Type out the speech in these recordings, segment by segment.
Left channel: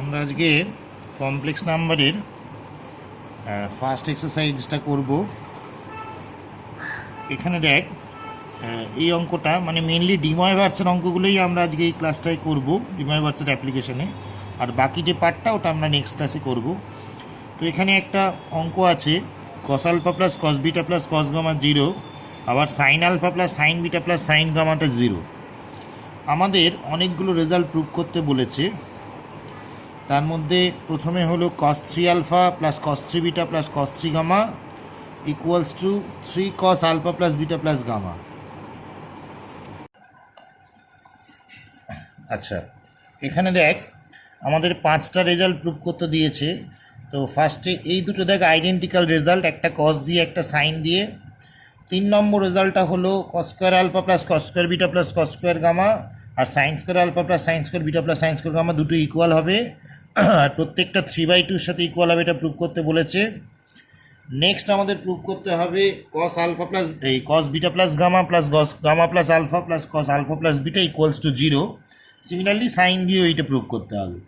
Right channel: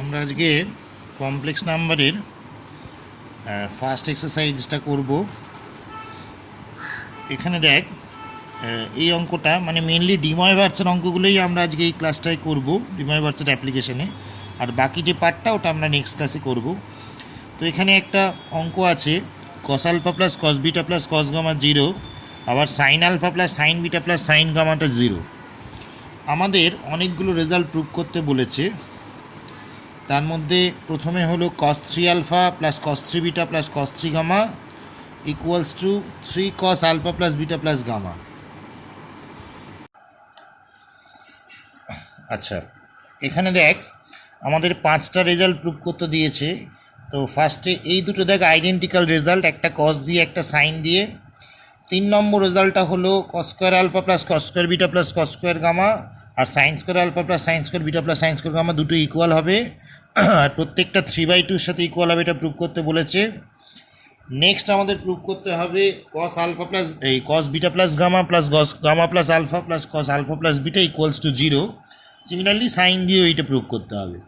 আমরা আজকে কমপ্লেক্স নাম্বারের ফার্স্ট এক্সারসাইজটা করব। এখানে দেখ, এই অঙ্কটা মানে মেনলি ডিময়ভার্সের অঙ্কগুলোই আমরা আজকে এই ক্লাসটায় করব, ডিময়ভার্সের অ্যাপ্লিকেশনে। আর বাকি যে পার্টটা ওটা আমরা নেক্সট ক্লাসে করব। তো এখানে একটা অঙ্ক আছে, cos alpha plus cos beta plus cos gamma 0, আবার sine alpha plus sine beta plus sine গামাটা 0। আমাদের অনেকগুলো রেজাল্ট প্রুভ করতে বলেছে। তার মধ্যে প্রথমে হলো cos 3 alpha plus cos 3 beta plus cos 3 gamma equals to 3 cos alpha plus beta plus gamma. আচ্ছা, এখানে দেখ আমাদের 5টা রেজাল্ট প্রুভ করতে দিয়েছে। তো ফার্স্টে এই দুটো দেখ আইডেন্টিক্যাল রেজাল্ট, একটা কস দিয়ে একটা সাইন দিয়ে। 3 নম্বর রেজাল্টটা হলো cos square alpha plus cos square beta plus cos square gamma, আর sine square alpha plus sine square beta plus sine square gamma দুটো ইকুয়াল হবে, আর প্রত্যেকটা 3/2-র সাথে ইকুয়াল হবে, এটা প্রুভ করতে বলেছে। নেক্সট আমাদের প্রুভ করতে হবে cos alpha plus cos beta plus gamma plus cos gamma plus alpha plus cos alpha plus beta equals to 0। Similarly sine দিয়েও এইটা প্রুভ করতে হবে।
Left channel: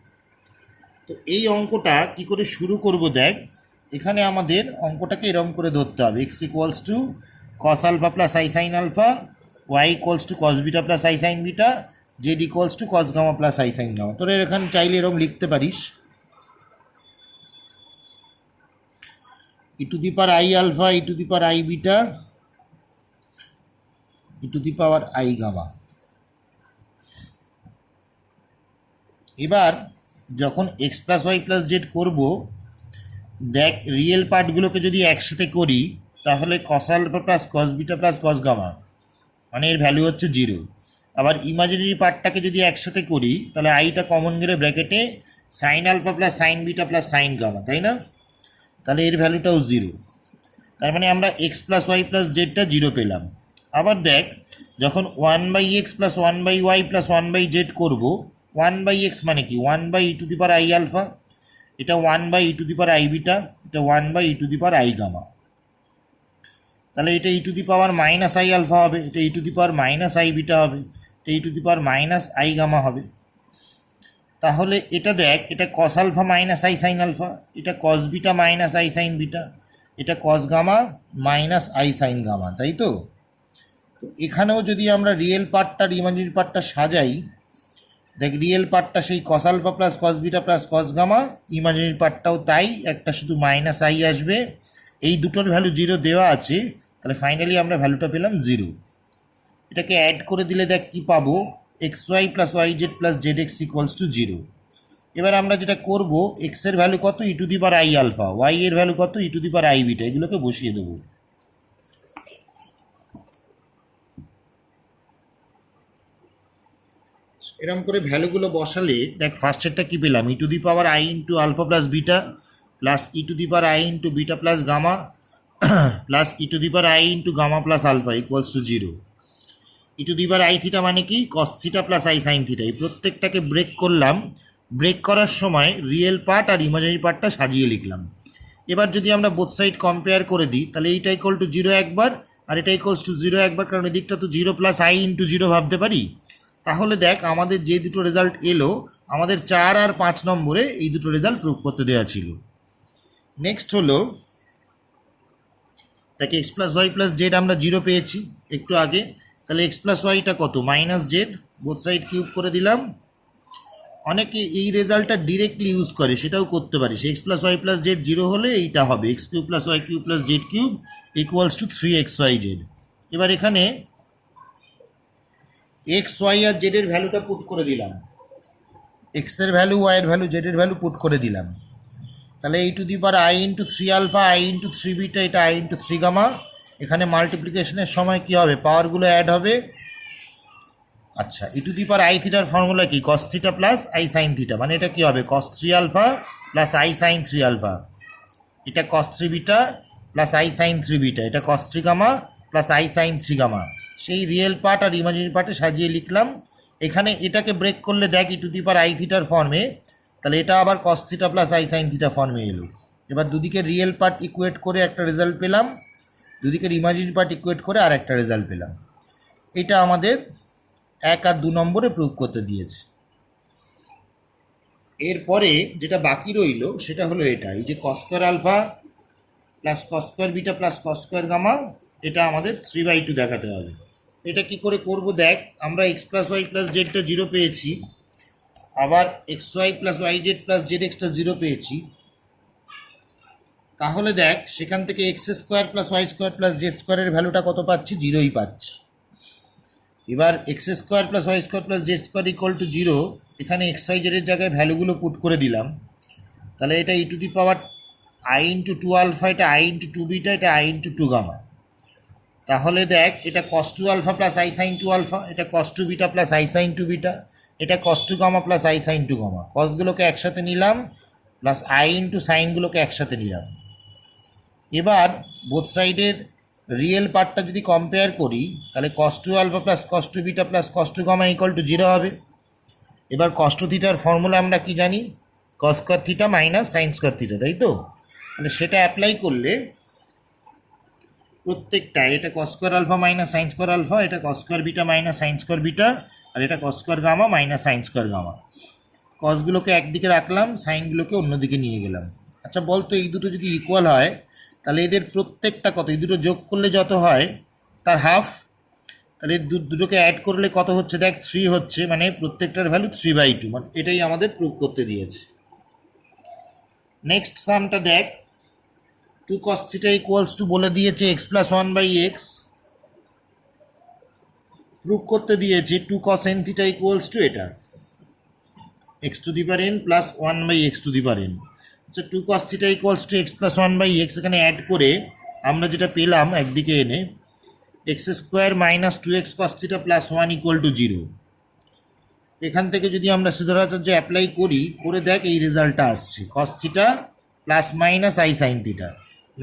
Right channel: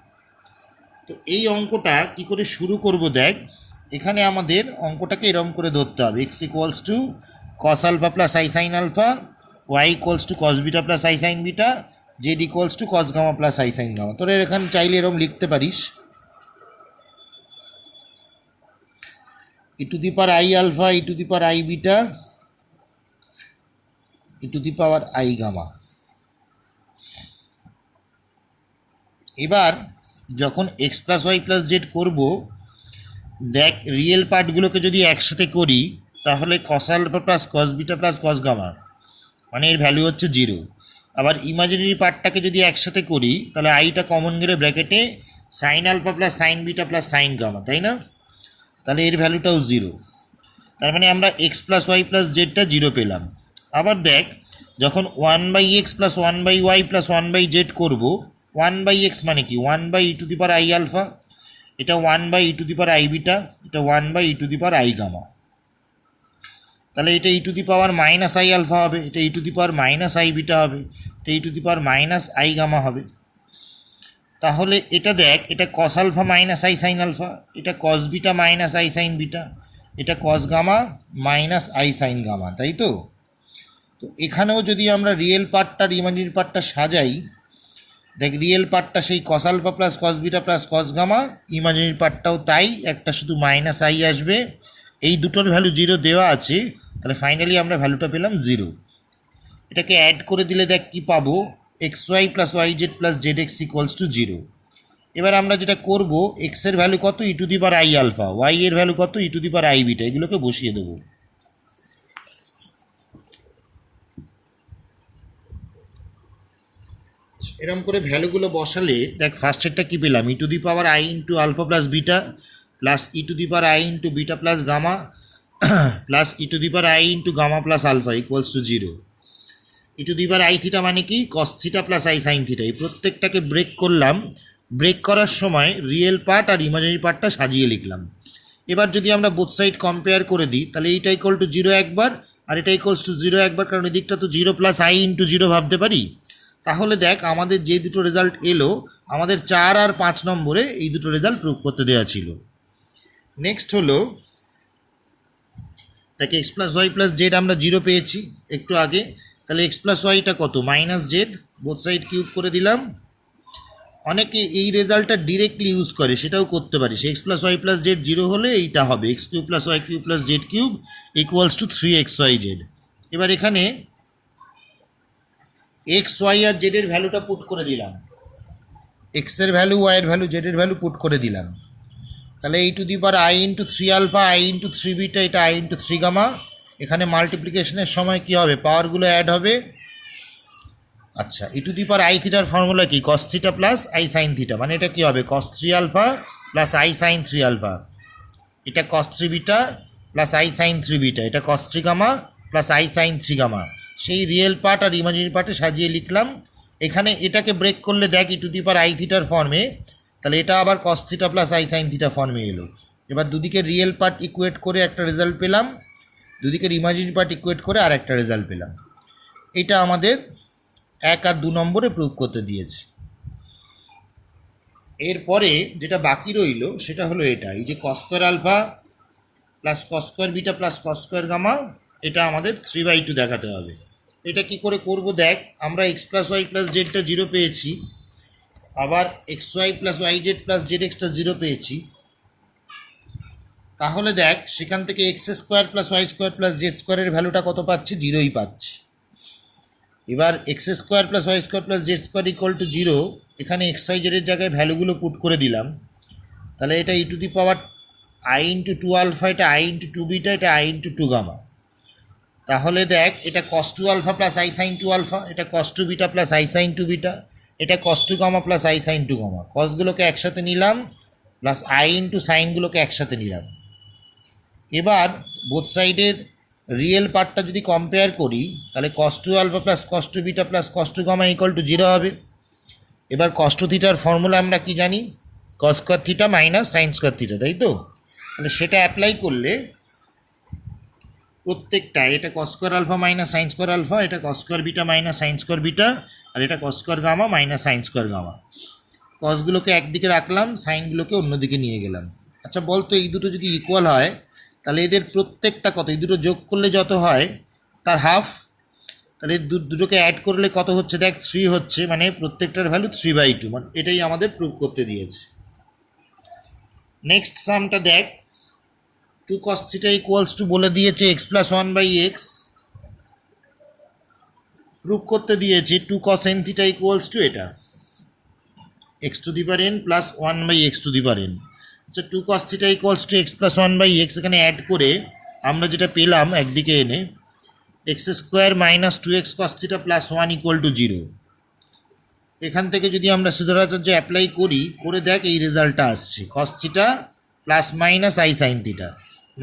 তো এই অঙ্কটা কি করে শুরু করব দেখ, এখানে আমাদের অঙ্কটাকে এরকম করে ধরতে হবে, x equals to cos alpha plus I sine alpha, y equals to cos beta plus I sine beta, z equals to cos gamma plus I sine gamma. তোরা এখানে চাইলে এরকম লিখতে পারিস, e to the power i alpha, e to the power i beta, e to the power i gamma. এবার যখন x plus y plus z করবো, দেখ রিয়েল পার্টগুলোকে যদি একসাথে করি তাহলে কস alpha plus cos beta plus cos gamma, মানে এর ভ্যালু হচ্ছে 0। আবার ইমাজিনারি পার্টটাকে যদি একসাথে করি তাহলে আইটা কমন গেলে ব্র্যাকেটে sine alpha plus sine beta plus sine gamma, তাই না? তাহলে এর ভ্যালুটাও 0। তার মানে আমরা এক্স প্লাস ওয়াই প্লাস জেডটা 0 পেলাম। আবার দেখ যখন 1/x plus 1/y plus 1/z করবো, 1/x মানে কি 1/e to the power i alpha, এটা 1/e to the power i beta, এটা 1/e to the power i gamma. তাহলে এটা e to the power minus i alpha হবে, এটা e to the power minus i beta হবে, এটা e to the power minus i gamma হবে। তাহলে এটা দেখ, এটা cos alpha minus i sine alpha, এটা cos beta minus i sine beta, এটা cos gamma minus i sine gamma, তাই তো? তো এখানেও যদি আমরা রিয়েল পার্টটা ইমাজিনারি পার্টটা সাজাই, দেখ রিয়েল পার্টটা সেই cos alpha plus cos beta plus cos gamma, imaginary পার্টটাও তাই, একটা শুধু মাইনাস আই আসবে। এই দুটোর ভ্যালু 0 দেওয়া আছে, তাহলে ফাইনালি আমরা ভ্যালুটা পেলাম 0। এটাকে অ্যাড করে দিলে দেখ কি পাবো, x y plus y z plus z x equals to 0। এবার আমরা যেটা করব, এক্সের ভ্যালু কত, e to the power i alpha, y এর ভ্যালু কত, e to the power i beta, এগুলোকে বসিয়ে দেবো। এরকম করে ভ্যালুগুলো বসালে দেখ ফার্স্টেরটা কী পেলাম, e to the power I into alpha plus beta plus e to the power I into beta plus gamma plus e to the power I into gamma plus alpha equals to 0। E to the power I theta মানে কি cos theta plus I sine theta. এই প্রত্যেকটাকে break করলাম, break করার সময় real part আর imaginary পার্টটা সাজিয়ে লিখলাম। এবার যদি আমরা বোথ সাইড কম্পেয়ার করে দিই তাহলে এইটা ইকুয়াল টু 0 একবার, আর এটা ইকুয়ালস টু 0 একবার, কারণ এদিকটা তো 0 প্লাস আই ইন্টু 0 ভাবতে পারি। তাহলে দেখ আমাদের যে দুটো রেজাল্ট এলো, আমাদের 4 আর 5 নম্বরে এই দুটো রেজাল্ট প্রুভ করতে দেওয়া ছিল। নেক্সট হলো দেখ x plus y plus z আমরা 0 পেয়েছি একটু আগে, তাহলে এক্স প্লাস ওয়াইটা কত, minus Z, both side cube করে দিলাম। অনেকে এই রেজাল্টটা ডিরেক্টলি ইউজ করে, সেটাও করতে পারিস। X plus y plus z 0 হলে এইটা হবে x cube plus y cube plus z cube equals to 3xyz। এবার এখানে এক্স ওয়াই আর জেডের ভ্যালুটা পুট করে দিলাম, এক্সের ভ্যালু, ওয়াইয়ের ভ্যালু, জেডের ভ্যালু পুট করে দিলাম। তাহলে এই to the power I into 3 alpha, i into 3 beta, এটা আই ইন্টু 3 গামা। এখানে মাল্টিপ্লিকেশনের সময় কী হবে, পাওয়ারগুলো অ্যাড হবে। আচ্ছা, e to the power i থিটার ফর্মুলা কি, cos theta plus I sine theta, মানে এটা কী হবে cos 3 alpha plus I sine 3 alpha, এটা cos 3 beta plus I sine 3 beta, এটা cos 3 gamma plus I sine 3 gamma. সেই রিয়েল পার্ট আর ইমাজিনারি পার্টে সাজিয়ে লিখলাম। এখানে এটাকে ব্রেক করলে দেখ ই টু দি পাওয়ার আই থিটার ফর্মে, তাহলে এটা আবার কস theta plus I sine theta ফর্মে এলো। এবার দুদিকে রিয়েল পার্ট ইকুয়েট করে একটা রেজাল্ট পেলাম, দুদিকের ইমাজিনারি পার্ট ইকুয়েট করে আর একটা রেজাল্ট পেলাম। এটা আমাদের 1 আর 2 নম্বরে প্রুভ করতে দিয়েছে। এরপরে যেটা বাকি রইল সেটা হলো এটা, এই যে cos square alpha plus cos square beta plus cos square gamma, এটা আমাদের 3/2 দেখাতে হবে। এটা কি করে করব দেখ, আমরা এক্স প্লাস ওয়াই প্লাস জেডটা 0 পেয়েছি, আবার x y plus y z plus z এক্সটা 0 পেয়েছি। তাহলে দেখ সেখান থেকে x square plus y square plus z স্কোয়ারের ভ্যালুটা কত পাচ্ছি? 0ই পাচ্ছি। এবার x square plus y square plus z square equal to 0, এখানে এক্স ওয়াই জেডের জায়গায় ভ্যালুগুলো পুট করে দিলাম। তাহলে এটা e to the power I into 2 alpha, এটা আই ইন্টু 2 বিটা, এটা আই ইন্টু 2 গামা। তাহলে দেখ এটা cos 2 alpha plus I sine 2 alpha, এটা cos 2 beta plus I sine 2 beta, এটা cos 2 gamma plus I sine 2 gamma. কসগুলোকে একসাথে নিলাম প্লাস আই ইন্টু সাইনগুলোকে একসাথে নিলাম। এবার বোথ সাইডের রিয়েল পার্টটা যদি কম্পেয়ার করি তাহলে cos 2 alpha plus cos 2 beta plus cos 2 gamma equal to 0 হবে। এবার কস 2 থিটার ফর্মুলা আমরা কি জানি? Cos square theta minus sine square theta, তাই তো? তাহলে সেটা অ্যাপ্লাই করলে প্রত্যেকটা, এটা cos square alpha minus sine square alpha, এটা cos square beta minus sine square beta, আর এটা cos square gamma minus sine square gamma. কসগুলোকে একদিকে রাখলাম, সাইনগুলোকে অন্যদিকে নিয়ে গেলাম। আচ্ছা বলতো এই দুটো যদি ইকুয়াল হয় তাহলে এদের প্রত্যেকটা কত? এই দুটো যোগ করলে যত হয় তার হাফ। তাহলে দুটোকে অ্যাড করলে কত হচ্ছে দেখ? 3 হচ্ছে, মানে প্রত্যেকটার ভ্যালু 3/2, মানে এটাই আমাদের প্রুভ করতে দিয়েছে। নেক্সট সামটা দেখ, 2 cos থিটা ইকুয়ালস টু বলে দিয়েছে এক্স প্লাস 1/x, প্রুভ করতে দিয়েছে 2 cos n theta equals to এটা x to the power n plus 1/x to the power n। আচ্ছা 2 cos theta equals to x plus 1/x, এখানে add করে আমরা যেটা পেলাম একদিকে এনে x square minus 2x cos theta plus 1 equal to 0। এখান থেকে যদি আমরা সিদ্ধাচার্য অ্যাপ্লাই করি, করে দেখ এই রেজাল্টটা আসছে cos theta plus minus i sine theta,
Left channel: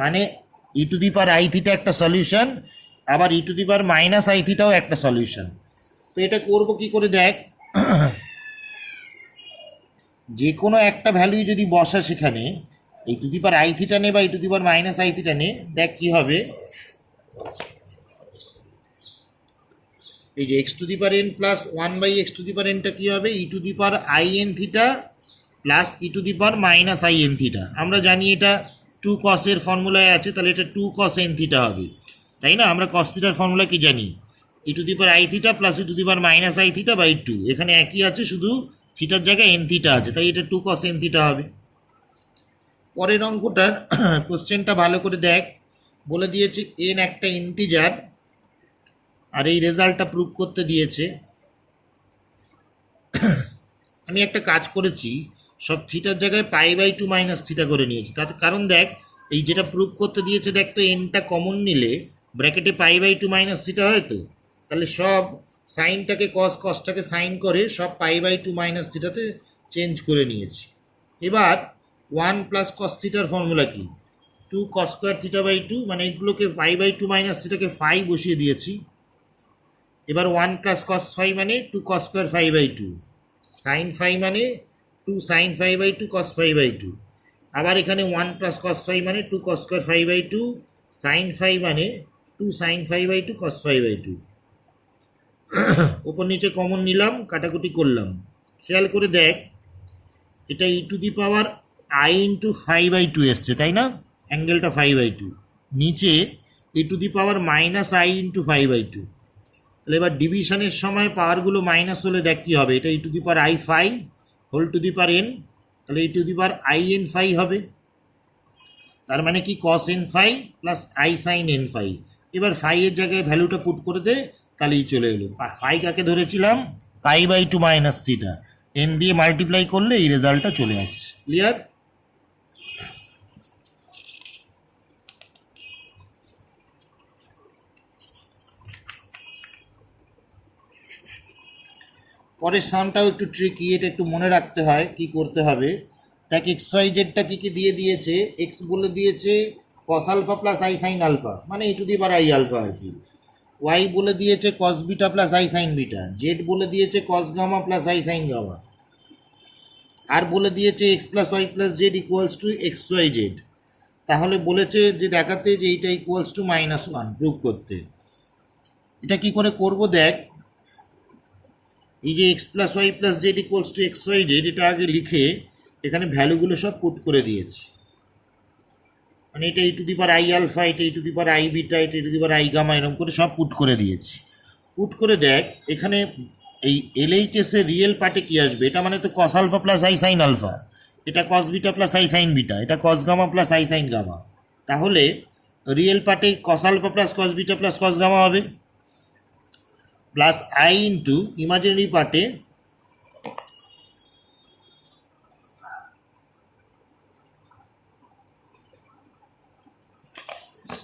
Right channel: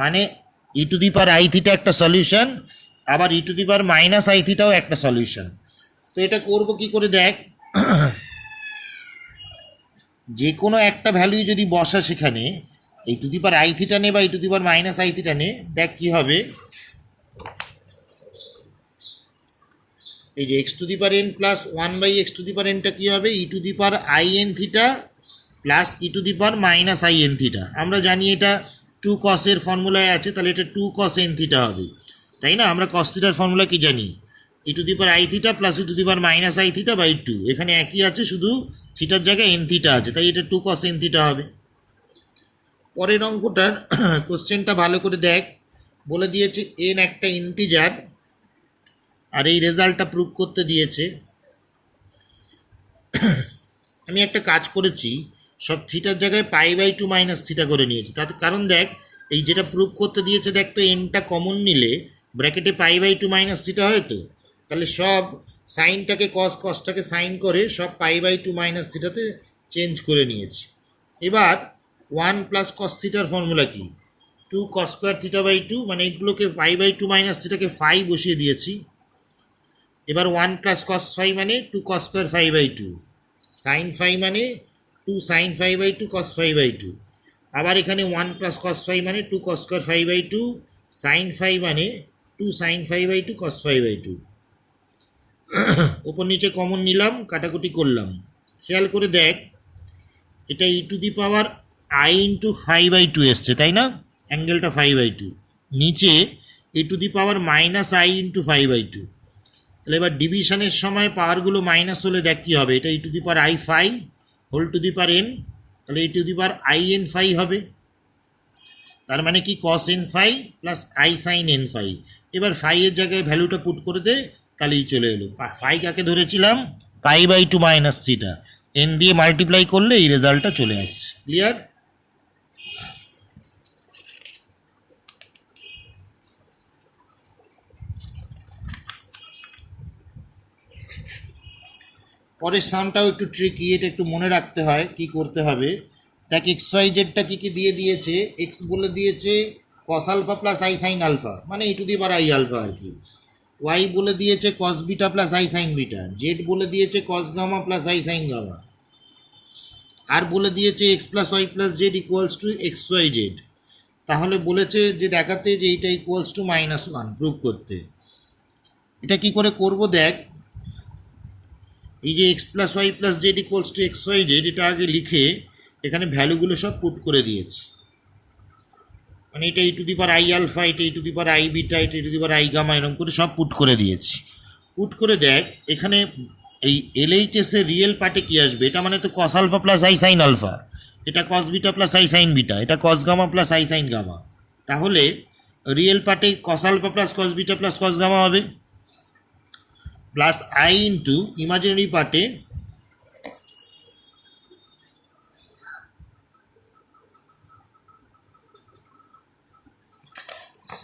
মানে e to the power I theta একটা সলিউশন, আবার e to the power minus i থিটাও একটা সলিউশন। তো এটা করব কি করে দেখ, যে কোনো একটা ভ্যালু যদি বসা সেখানে e to the power I theta নে বা e to the power minus I theta নে, দেখ কী হবে। এই যে x to the power n plus 1/x to the power এনটা কী হবে? E to the power i n theta plus e to the power minus i n theta. আমরা জানি এটা 2 cos-এর ফর্মুলায় আছে, তাহলে এটা 2 cos n থিটা হবে, তাই না? আমরা cos থিটার ফর্মুলা কি জানি? E to the power I theta plus e to the power minus I theta by 2, এখানে একই আছে, শুধু থিটার জায়গায় এন থিটা আছে, তাই এটা 2 cos n থিটা হবে। পরের অঙ্কটার কোশ্চেনটা ভালো করে দেখ, বলে দিয়েছে এন একটা ইন্টিজার, আর এই রেজাল্টটা প্রুভ করতে দিয়েছে। আমি একটা কাজ করেছি, সব থিটার জায়গায় π/2 মাইনাস থিটা করে নিয়েছি, তাতে কারণ দেখ এই যেটা প্রুভ করতে দিয়েছে, দেখ তো এনটা কমন নিলে ব্র্যাকেটে π/2 মাইনাস থিটা হয়, তো তাহলে সব সাইনটাকে কসটাকে সাইন করে সব π/2 মাইনাস থিটাতে চেঞ্জ করে নিয়েছি। এবার 1 প্লাস কস থিটার ফর্মুলা কি? 2 cos স্কোয়ার থিটা বাই 2, মানে এগুলোকে π/2 মাইনাস থিটাকে ফাই বসিয়ে দিয়েছি। এবার 1 প্লাস কস ফাই মানে 2 cos স্কোয়ার 5/2, সাইন ফাই মানে 2 সাইন 5/2 cos 5/2, আবার এখানে 1 প্লাস কস ফাই মানে 2 cos স্কোয়ার 5/2, সাইন ফাই মানে 2 সাইন 5/2 cos 5/2। ওপর নিচে কমন নিলাম, কাটাকুটি করলাম। খেয়াল করে দেখ এটা e to the power I into 5/2 এসছে, তাই না? অ্যাঙ্গেলটা 5/2, নিচে e to the power minus i into 5/2। তাহলে এবার ডিভিশনের সময় পাওয়ারগুলো মাইনাস হলে দেখ কী হবে, এটা e to the power i phi whole to the power n, তাহলে e to the power i n phi হবে। তার মানে কি cos n phi plus I sine n phi. এবার ফাইয়ের জায়গায় ভ্যালুটা পুট করে দে, তাহলেই চলে এলো। ফাই কাকে ধরেছিলাম? π/2 মাইনাস থিটা, এন দিয়ে মাল্টিপ্লাই করলে এই রেজাল্টটা চলে আসছে। ক্লিয়ার? পরের সামটাও একটু ট্রিকি, এটা একটু মনে রাখতে হয় কি করতে হবে। দেখ এক্স ওয়াই জেডটা কী কী দিয়ে দিয়েছে, এক্স বলে দিয়েছে cos alpha plus I sine alpha, মানে e to the power i alpha আর কি। ওয়াই বলে দিয়েছে cos beta plus I sine beta, z বলে দিয়েছে cos gamma plus I sine gamma, আর বলে দিয়েছে x plus y plus z equals to x y z. তাহলে বলেছে যে দেখাতে যে এইটা ইকুয়ালস টু -1 প্রুভ করতে। এটা কি করে করব দেখ, এই যে x plus y plus z equals to x y z, এটা আগে লিখে এখানে ভ্যালুগুলো সব পুট করে দিয়েছি, মানে এটা e to the power i alpha, এটা e to the power i beta, এটা e to the power i gamma, এরকম করে সব পুট করে দিয়েছি। পুট করে দেখ এখানে এই এলএইচএস এর রিয়েল পার্টে কী আসবে, এটা মানে তো cos alpha plus I sine alpha, এটা cos beta plus I sine beta, এটা cos gamma plus I sine gamma. তাহলে রিয়েল পার্টে cos alpha plus cos beta plus cos gamma হবে, প্লাস আই ইন্টু ইমাজিনারি পার্টে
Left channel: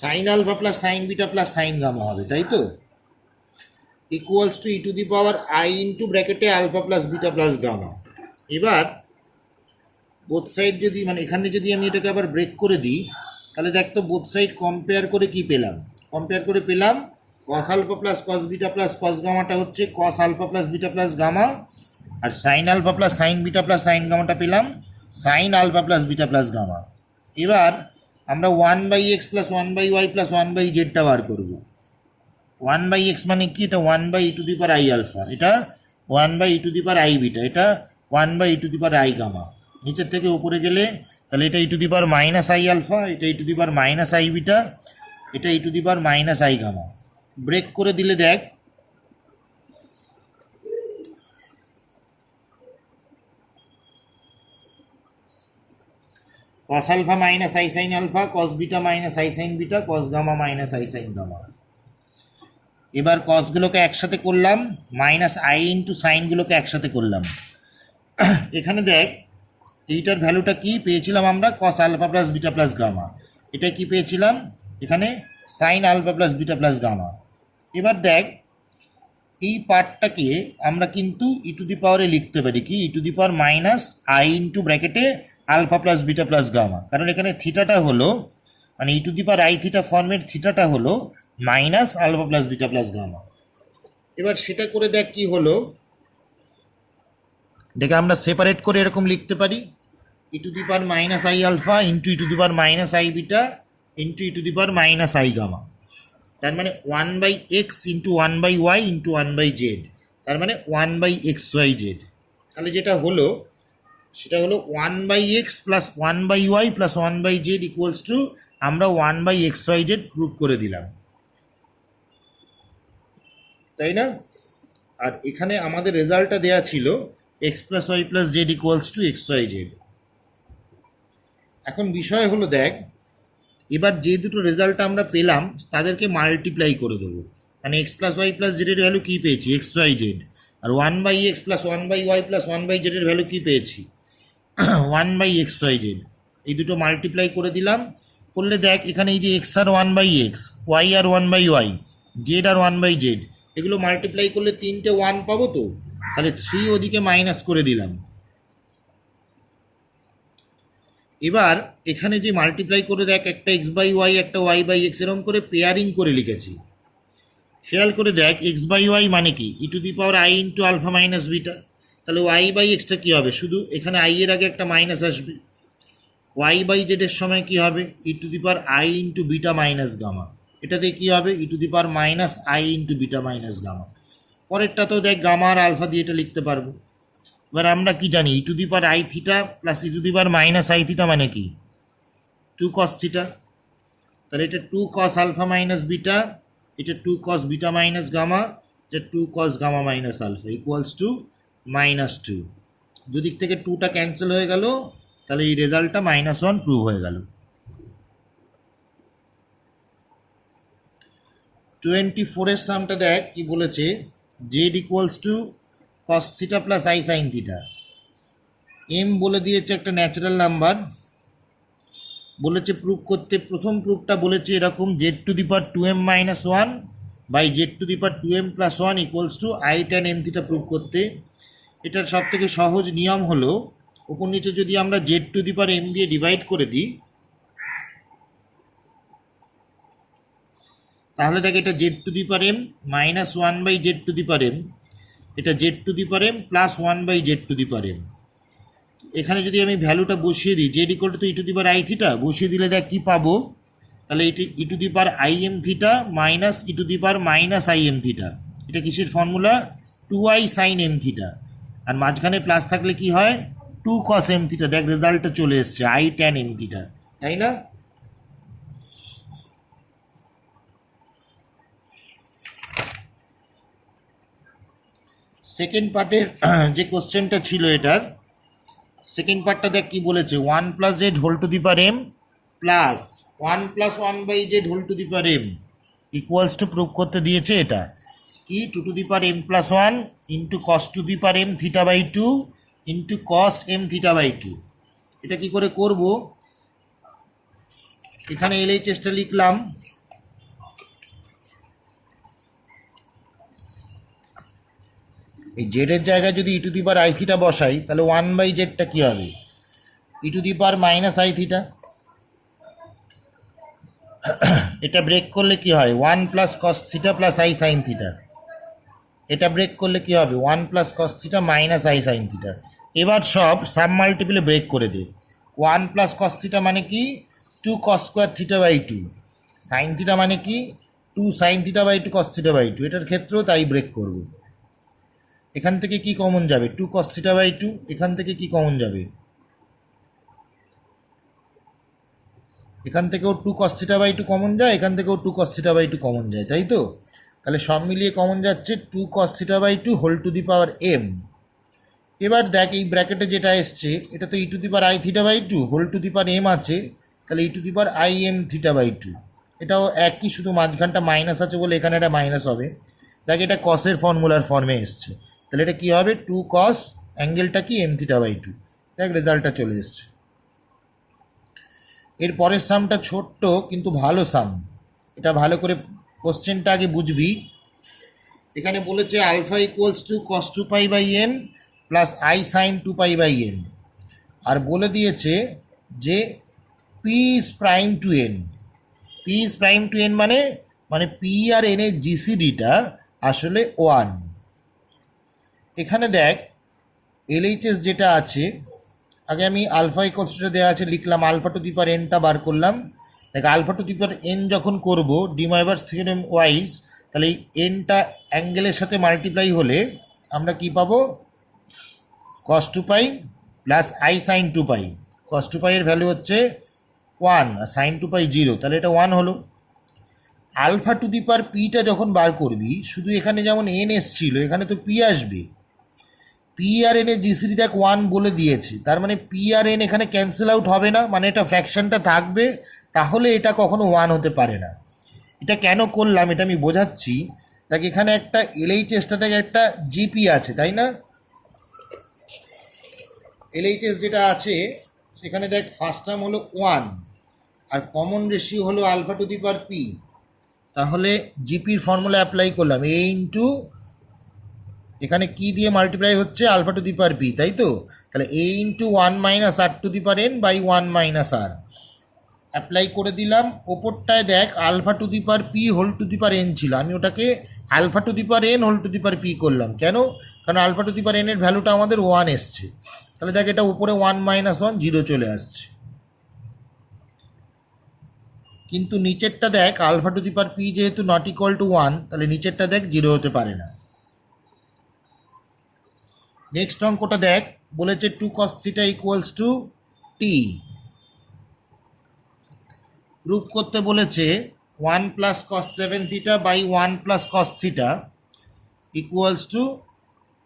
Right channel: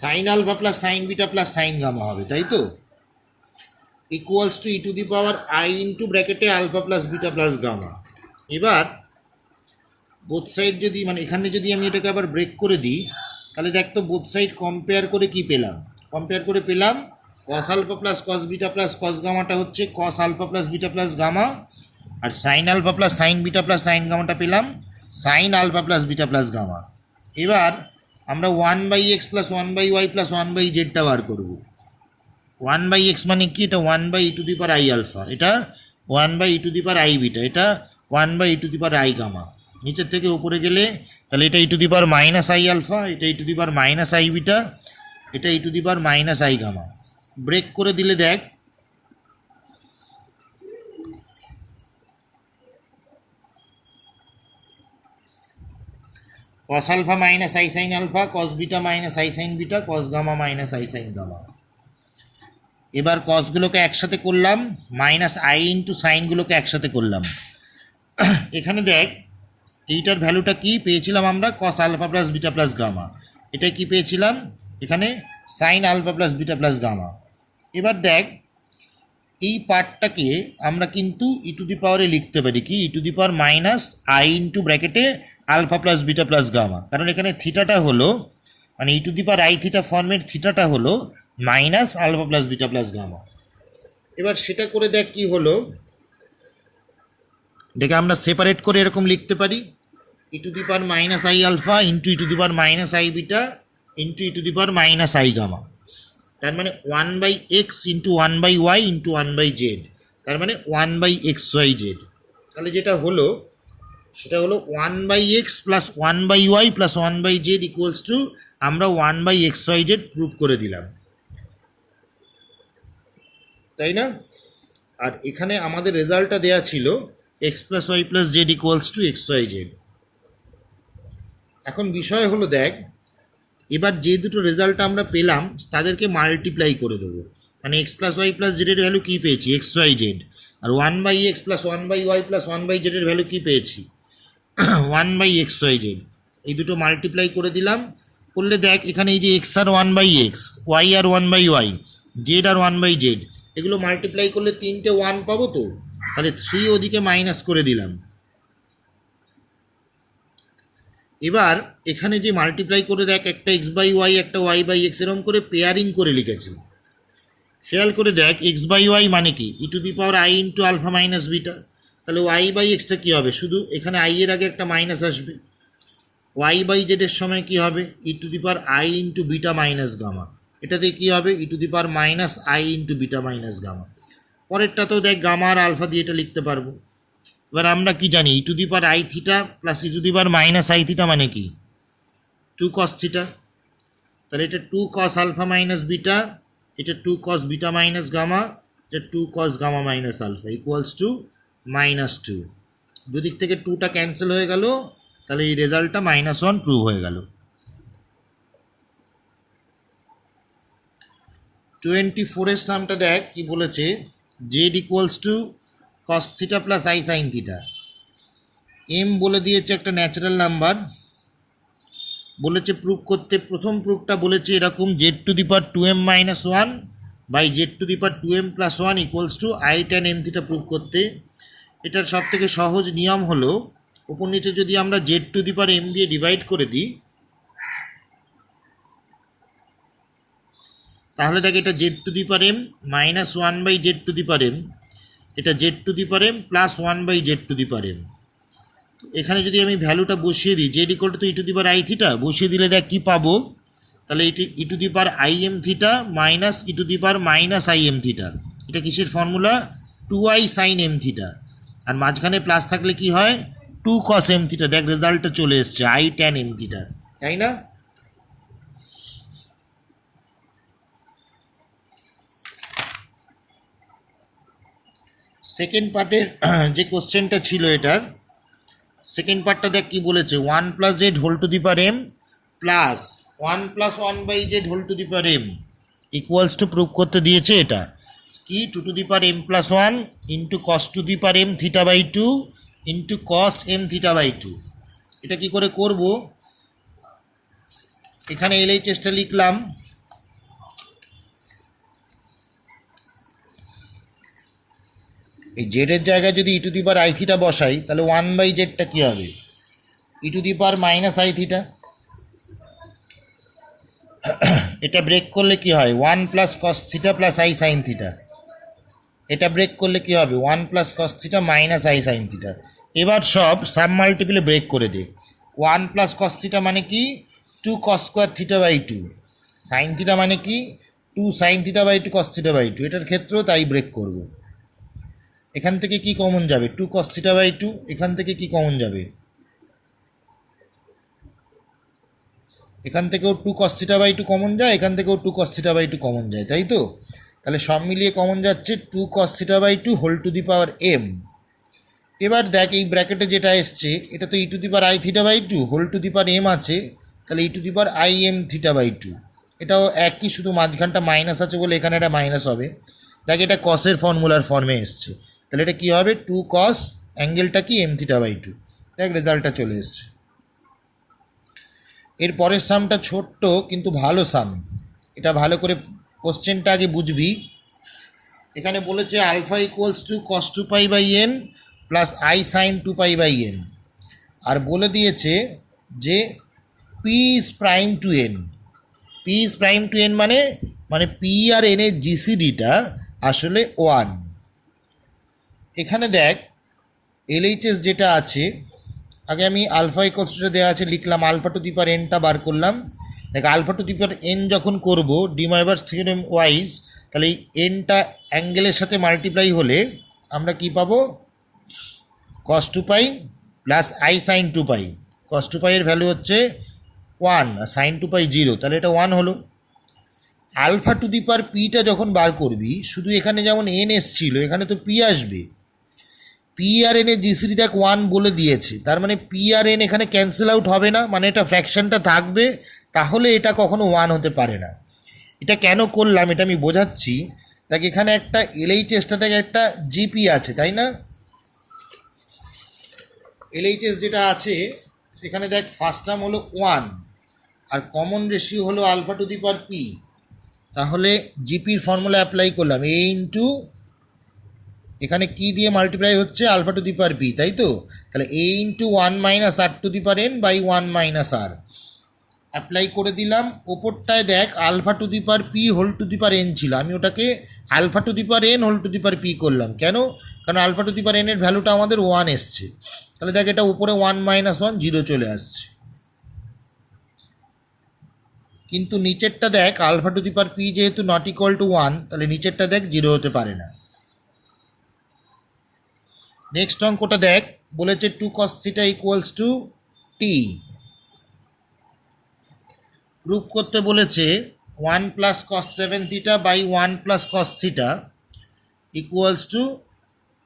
sine alpha plus sine beta plus sine gamma হবে, তাই তো, equals to e to the power I into ব্র্যাকেটে alpha plus beta plus gamma. এবার both side যদি, মানে এখানে যদি আমি এটাকে আবার ব্রেক করে দিই, তাহলে দেখ তো বোথ সাইড কম্পেয়ার করে কি পেলাম, কম্পেয়ার করে পেলাম cos alpha plus cos beta plus cos গামাটা হচ্ছে cos alpha plus beta plus gamma, আর sine alpha plus sine beta plus sine গামাটা পেলাম sine alpha plus beta plus gamma. এবার আমরা 1/x প্লাস 1/y প্লাস 1/zটা বার করবো। 1/x মানে কি, এটা 1/e to the power i alpha, এটা 1/e to the power i beta, এটা 1/e to the power i gamma. নিচের থেকে উপরে গেলে তাহলে এটা e to the power minus i alpha, এটা e to the power minus i beta, এটা e to the power minus i gamma. Break করে দিলে দেখ cos alpha minus i sine alpha, cos beta minus i sine beta, cos gamma minus i sine gamma. এবার কসগুলোকে একসাথে করলাম, minus i into সাইনগুলোকে একসাথে করলাম। এখানে দেখ এইটার ভ্যালুটা কি পেয়েছিলাম আমরা, cos alpha plus beta plus gamma, এটা কি পেয়েছিলাম এখানে sine alpha plus beta plus gamma. এবার দেখ এই পার্টটাকে আমরা কিন্তু ই টু দি পাওয়ারে লিখতে পারি কি, e to the power minus i into ব্র্যাকেটে alpha plus beta plus gamma, কারণ এখানে থিটাটা হলো, মানে e to the power I theta ফর্মের থিটাটা হলো minus alpha plus beta plus gamma. এবার সেটা করে দেখ কি হলো, এটাকে আমরা সেপারেট করে এরকম লিখতে পারি, e to the power minus i alpha into e to the power minus i beta into e to the power minus i gamma. তার মানে 1/x into 1/y into 1/z, তার মানে 1/xyz। তাহলে যেটা হলো সেটা হলো 1/x plus 1/y plus 1/z equals to আমরা 1/xyz প্রুভ করে দিলাম, তাই না। আর এখানে আমাদের রেজাল্টটা দেওয়া ছিল x plus y plus z equals to XYZ। এখন বিষয় হলো দেখ এবার যে দুটো রেজাল্ট আমরা পেলাম তাদেরকে মাল্টিপ্লাই করে দেবো, মানে এক্স প্লাস ওয়াই প্লাস জেডের ভ্যালু কী পেয়েছি XYZ, আর 1/x প্লাস 1/y প্লাস 1/zের ভ্যালু কী পেয়েছি 1/xyz। এই দুটো মাল্টিপ্লাই করে দিলাম, করলে দেখ এখানে এই যে এক্স আর 1/x, ওয়াই আর 1/y, জেড আর 1/z, এগুলো মাল্টিপ্লাই করলে 3টে 1 পাবো তো, তাহলে 3 ওদিকে মাইনাস করে দিলাম। এবার এখানে যে মাল্টিপ্লাই করে দেখ একটা x/y একটা y/x এরকম করে পেয়ারিং করে লিখেছি, খেয়াল করে দেখ x/y মানে কি e to the power I into alpha minus beta, তাহলে y/xটা কী হবে, শুধু এখানে আই এর আগে একটা মাইনাস আসবে, y/z এর সময় কী হবে e to the power I into beta minus gamma, এটাতে কী হবে e to the power minus i into beta minus gamma. পরেরটাতেও দেখ গামা আর আলফা দিয়ে এটা লিখতে পারবো। এবার আমরা কি জানি e to the power I theta plus e to the power minus I theta মানে কি 2 cos থিটা, তাহলে এটা 2 cos আলফা মাইনাস বিটা, এটা 2 cos বিটা মাইনাস গামা, এটা 2 cos gamma minus alpha equals to -2। দুদিক থেকে 2টা ক্যান্সেল হয়ে গেল, তাহলে এই রেজাল্টটা -1 প্রুভ হয়ে গেল। 24 সামটা দেখ কি বলেছে, z equals to cos theta plus I sine theta. M বলে দিয়েছে একটা ন্যাচারাল নাম্বার, বলেছে প্রুভ করতে, প্রথম প্রুফটা বলেছে এরকম z to the power 2m minus 1 by z to the power 2m plus 1 equals to i tan m theta prove করতে। এটার সব থেকে সহজ নিয়ম হলো উপর নিচে যদি আমরা z to the power m দিয়ে ডিভাইড করে দিই, তাহলে দেখ এটা z to the power m minus 1 by z to the power m, এটা z to the power m plus 1 by z to the power m. এখানে যদি আমি ভ্যালুটা বসিয়ে দিই z equal to e to the power I theta, বসিয়ে দিলে দেখ কী পাবো, তাহলে এটি e to the power i m theta minus e to the power minus i m theta, এটা কিসের formula 2i sine m theta, আর মাঝখানে প্লাস থাকলে কি হয় টু কস এম থিটা, দেখ রেজাল্টটা চলে এসছে আই ট্যান এম থিটা, তাই না? সেকেন্ড পার্টের যে কোশ্চেনটা ছিল এটার সেকেন্ড পার্টটা দেখ কি বলেছে, 1 + z whole to the power m plus 1 + 1/z whole to the power m equals to prove করতে দিয়েছে এটা কি 2 to the power m + 1 into cos to the power m θ/2 into cos m θ/2। এটা কি করে করব, এখানে LHSটা লিখলাম, এই জেডের জায়গায় যদি e to the power I theta বসাই তাহলে 1/z কী হবে, e to the power minus I theta. এটা ব্রেক করলে কি হয় 1 + cos theta plus I sine theta. এটা ব্রেক করলে কি হবে 1 + cos theta minus i sine theta. এবার সব সাব মাল্টিপলে ব্রেক করে দে। 1 + cos থিটা মানে কি 2 cos স্কোয়ার θ/2, সাইন থিটা মানে কি 2 sin θ/2 cos θ/2। এটার ক্ষেত্রেও তাই ব্রেক করব। এখান থেকে কি কমন যাবে 2 cos θ/2, এখান থেকে কি কমন যাবে, এখান থেকেও 2 cos θ/2 কমন যায়, এখান থেকেও 2 cos θ/2 কমন যায়, তাই তো? তাহলে সব মিলিয়ে কমন যাচ্ছে 2 cos θ/2 whole to the power m। এবার দেখ এই ব্র্যাকেটে যেটা এসছে এটা তো e to the power i θ/2 whole to the power m আছে, তাহলে e to the power i m θ/2। এটাও একই, শুধু মাঝখানটা মাইনাস আছে বলে এখানে এটা মাইনাস হবে। দেখ এটা কসের ফর্মুলার ফর্মে এসছে, তাহলে এটা কী হবে 2 cos অ্যাঙ্গেলটা কি m θ/2। দেখ রেজাল্টটা চলে এসছে। এর পরের সামটা ছোট্ট কিন্তু ভালো সাম, এটা ভালো করে কোশ্চেনটা আগে বুঝবি। এখানে বলেছে alpha equals to cos 2π/n plus I sine 2π/n, আর বলে দিয়েছে যে p is prime to n. P is prime to n মানে পি আর এন এর জিসিডিটা আসলে 1। এখানে দেখ এলএইচএস যেটা আছে, আগে আমি আলফা ইকুয়ালসটা দেওয়া আছে লিখলাম, আলফা টু দি পাওয়ার এনটা বার করলাম। দেখ alpha to the power n যখন করব ডিময়ভারস থিওরেম ওয়াইজ, তাহলে এই এনটা অ্যাঙ্গেলের সাথে মাল্টিপ্লাই হলে আমরা কি পাবো cos 2π plus I sine 2π। cos 2π এর ভ্যালু হচ্ছে 1 আর সাইন 2π 0, তাহলে এটা 1 হলো। আলফা টু দি পাওয়ার পিটা যখন বার করবি শুধু এখানে যেমন এন এসছিল এখানে তো পি আসবে। পি আর এন এর জিসিডি দেখ 1 বলে দিয়েছে, তার মানে পি আর এন এখানে ক্যান্সেল আউট হবে না, মানে এটা ফ্র্যাকশনটা থাকবে, তাহলে এটা কখনো 1 হতে পারে না। এটা কেন করলাম এটা আমি বোঝাচ্ছি। দেখ এখানে একটা এলএইচএসটা থেকে একটা জিপি আছে, তাই না? এলএইচএস যেটা আছে সেখানে দেখ ফার্স্ট টার্ম হলো 1 আর কমন রেশিও হলো alpha to the power p. তাহলে জিপির ফর্মুলা অ্যাপ্লাই করলাম এ ইন্টু এখানে কি দিয়ে মাল্টিপ্লাই হচ্ছে alpha to the power p, তাই তো? তাহলে a into 1 - r to the power n by 1 - r apply করে দিলাম। ওপরটায় দেখ alpha to the power p whole to the power n ছিল, আমি ওটাকে alpha to the power n whole to the power p করলাম। কেন? কারণ alpha to the power n এর ভ্যালুটা আমাদের 1 এসছে, তাহলে দেখ এটা উপরে 1 - 1 0 চলে আসছে। কিন্তু নিচেরটা দেখ alpha to the power p যেহেতু নট ইকুয়াল টু 1, তাহলে নিচেরটা দেখ 0 হতে পারে না। নেক্সট অঙ্কটা দেখ বলেছে 2 cos theta equals to t. Prove করতে বলেছে 1 + cos 7 theta by 1 + cos theta equals to